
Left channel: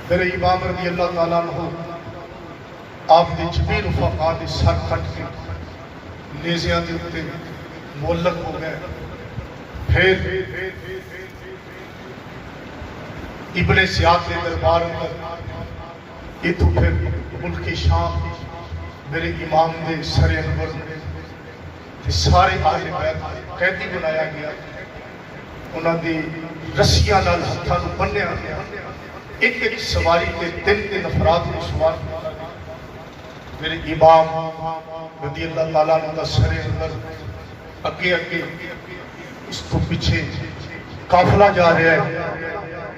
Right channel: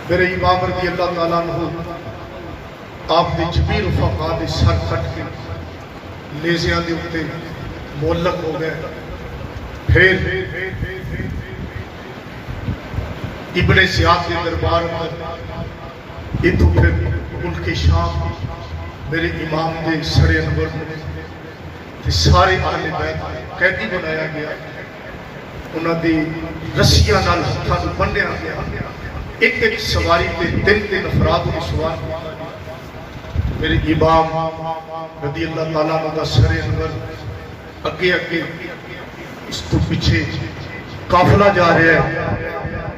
میرے امام رضی اللہ تعالیٰ عنہ آپ نے جبیل فقا نے سر کٹ کے نیزیاں دے اتے مولک ہو گئے، پھر ابن زیاد کے دربار میں یہ تو پھر ملک شام میرے امام دے سر انور نے سارے اہل بیت قیدی بنایا گیا، انہاں دی رسیاں نال ہتھاں نوں بنیا گیا، ایک ایک سواری تے تین افراد نے سوار کیا۔ میرے امام رضی اللہ تعالیٰ عنہ دا سر انور اگے اگے اس کو پیچھے قافلہ جا رہا ہے،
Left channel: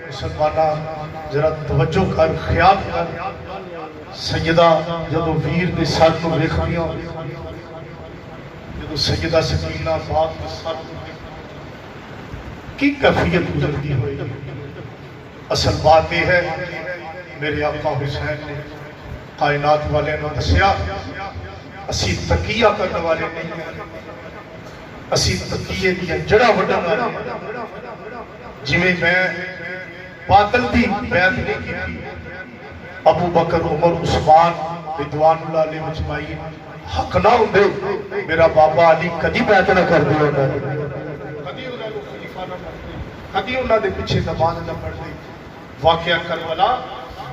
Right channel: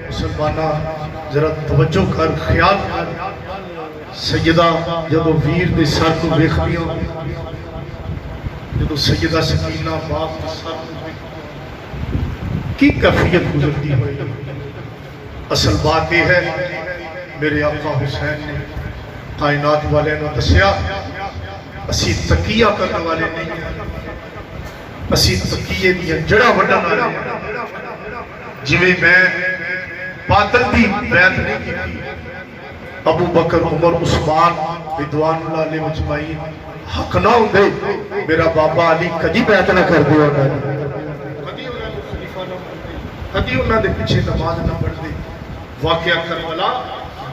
مسلمانہ ذرا توجہ کر خیال کر، سیدہ جدو ویر دے سر کو ویکھدیاں، جدو سیدہ سکینہ باپ دے سر کو ویکھدیاں کی کیفیت گزرتی ہوئی۔ اصل بات یہ ہے میرے آقا حسین نے کائنات والے نے دسیا اسی تقیہ کرنے والے نہیں ہیں، اسی تقیہ دیا جڑا وڈا والے ہیں، جویں میں پاتل دی بیعت نہیں کی، ابو بکر عمر عثمان رضوان اللہ علیہ مجمعین حق نہ ہوندے میرا بابا علی کدی بیعت نہ کر دے، کدی انہاں کو خلیفہ نہ بنتے، کدی انہاں دے پیچھے نماز نہ پڑھتے۔ واقعہ کربلا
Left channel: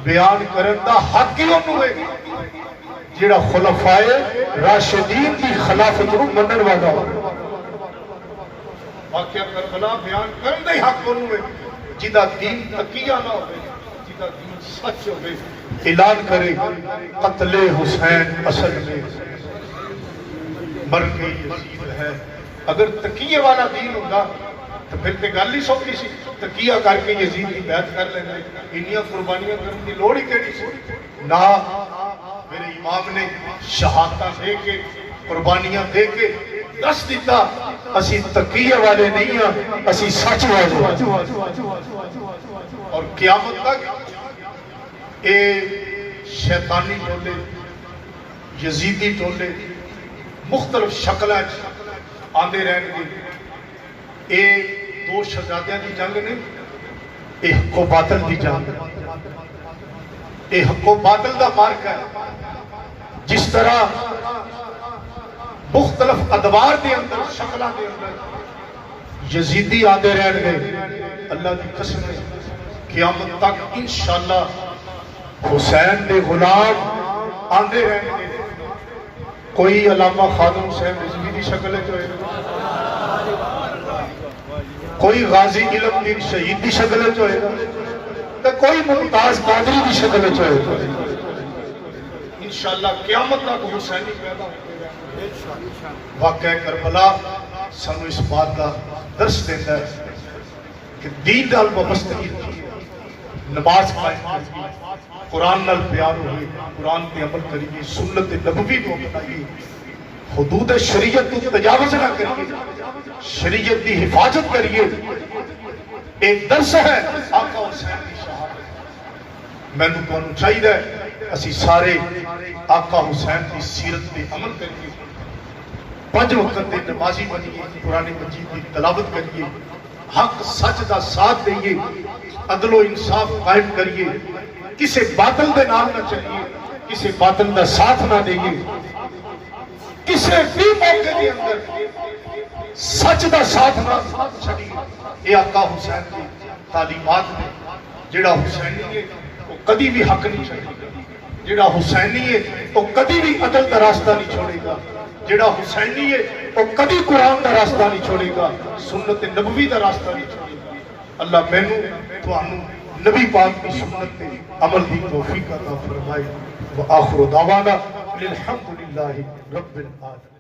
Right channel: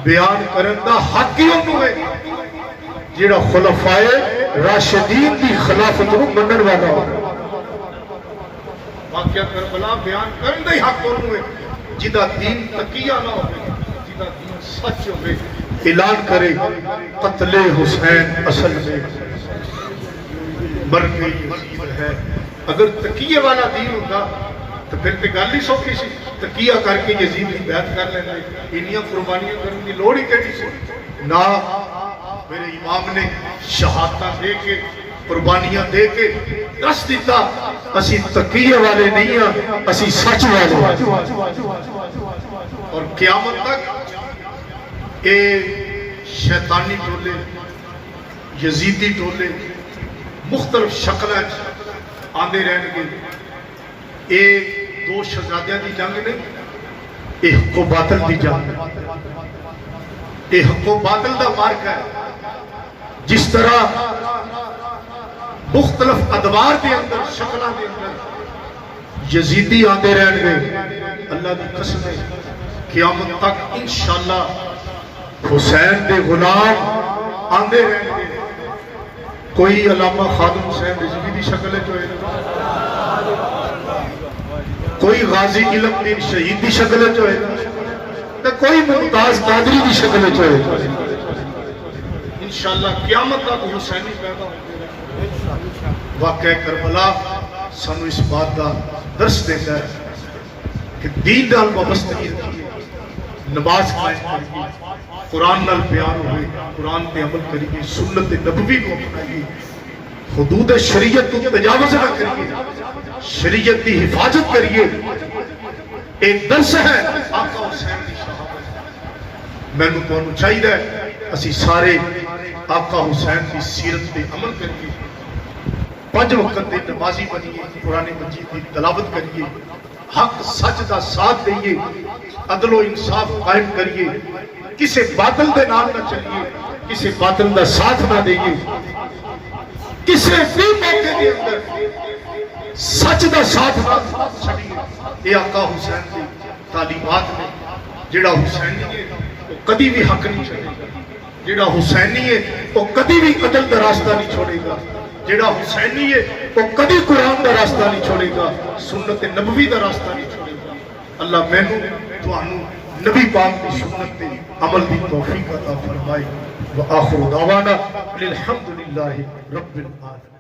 بیان کرن دا حق ہی انہوں ہے جیڑا خلفائے راشدین کی خلافت نوں منن والا ہو۔ واقعہ کربلا بیان کرن دا حق انہوں ہے جدا دین تقیہ نہ ہو، جدا دین سچ ہو، اعلان کرے قتل حسین اصل میں مر گئی یزید ہے۔ اگر تقیہ والا دین ہوگا تو پھر تے گل ہی سوکھی سی، تقیہ کر کے یزید کی بیعت کر لینا، انیاں قربانیاں کرنے کی لوڑ ہی کیڑی سی؟ نہ، میرے امام نے شہادت دے کے قربانیاں دے کے دس دیتا اسی تقیہ والے نہیں ہیں، اسی سچ والے۔ اور قیامت تک اے شیطانی ٹولے یزیدی ٹولے مختلف شکلیں آندے رہن گے۔ اے دو شہزادیاں دی جنگ نہیں، اے حق و باطل دی جنگ، اے حق و باطل دا مارکا ہے۔ جس طرح مختلف ادوار دے اندر شکلہ دے اندر یزیدی آندے رہن گے، اللہ دی قسم ہے قیامت تک انشاءاللہ حسین دے غلام آندے رہن گے۔ کوئی علامہ خادم حسین رضوی دی شکل ہے جو ہے، کوئی غازی علم دین شہید دی شکل ہے جو ہے، کوئی ممتاز قادری کی شکل میں چلے انشاءاللہ قیامت تک حسینی پیدا ہوتے گا۔ واقعہ کربلا سانو اس بات کا درس دیتا ہے کہ دین نال وابستگی رکھیے، نماز قائم کریے، قرآن نال پیار ہوئے، قرآن پہ عمل کریے، سنت نبوی کو اپنائیے، حدود شریعت کو تجاوز نہ کریے، شریعت کی حفاظت کریے۔ ایک درس ہے آقا حسین کی شہادت، میں نے تو چاہیے اسی سارے آقا حسین کی سیرت پہ عمل کریے، 5 وقت دے نمازی بنیے، قرآن مجید کی تلاوت کریے، حق سچ کا ساتھ دئیے، عدل و انصاف قائم کریے، کسی باطل دے نام نہ چلیے، کسی باطل کا ساتھ نہ دئیے، کسی بھی موقع کے اندر سچ کا ساتھ نہ چھڑیے۔ یہ آقا حسین کی تعلیمات میں جڑا حسینی ہے وہ کبھی بھی حق نہیں چھوڑے گا، جڑا حسینی ہے وہ کبھی بھی عدل کا راستہ نہیں چھوڑے گا، جڑا حسینی ہے وہ کبھی قرآن کا راستہ نہیں چھوڑے گا، سنت نبوی کا راستہ نہیں چھوڑے گا۔ اللہ مینوں تھانوں نبی پاک کی سنت پہ عمل کی توفیق عطا فرمائے۔ وآخر دعوانا الحمدللہ رب العالمین۔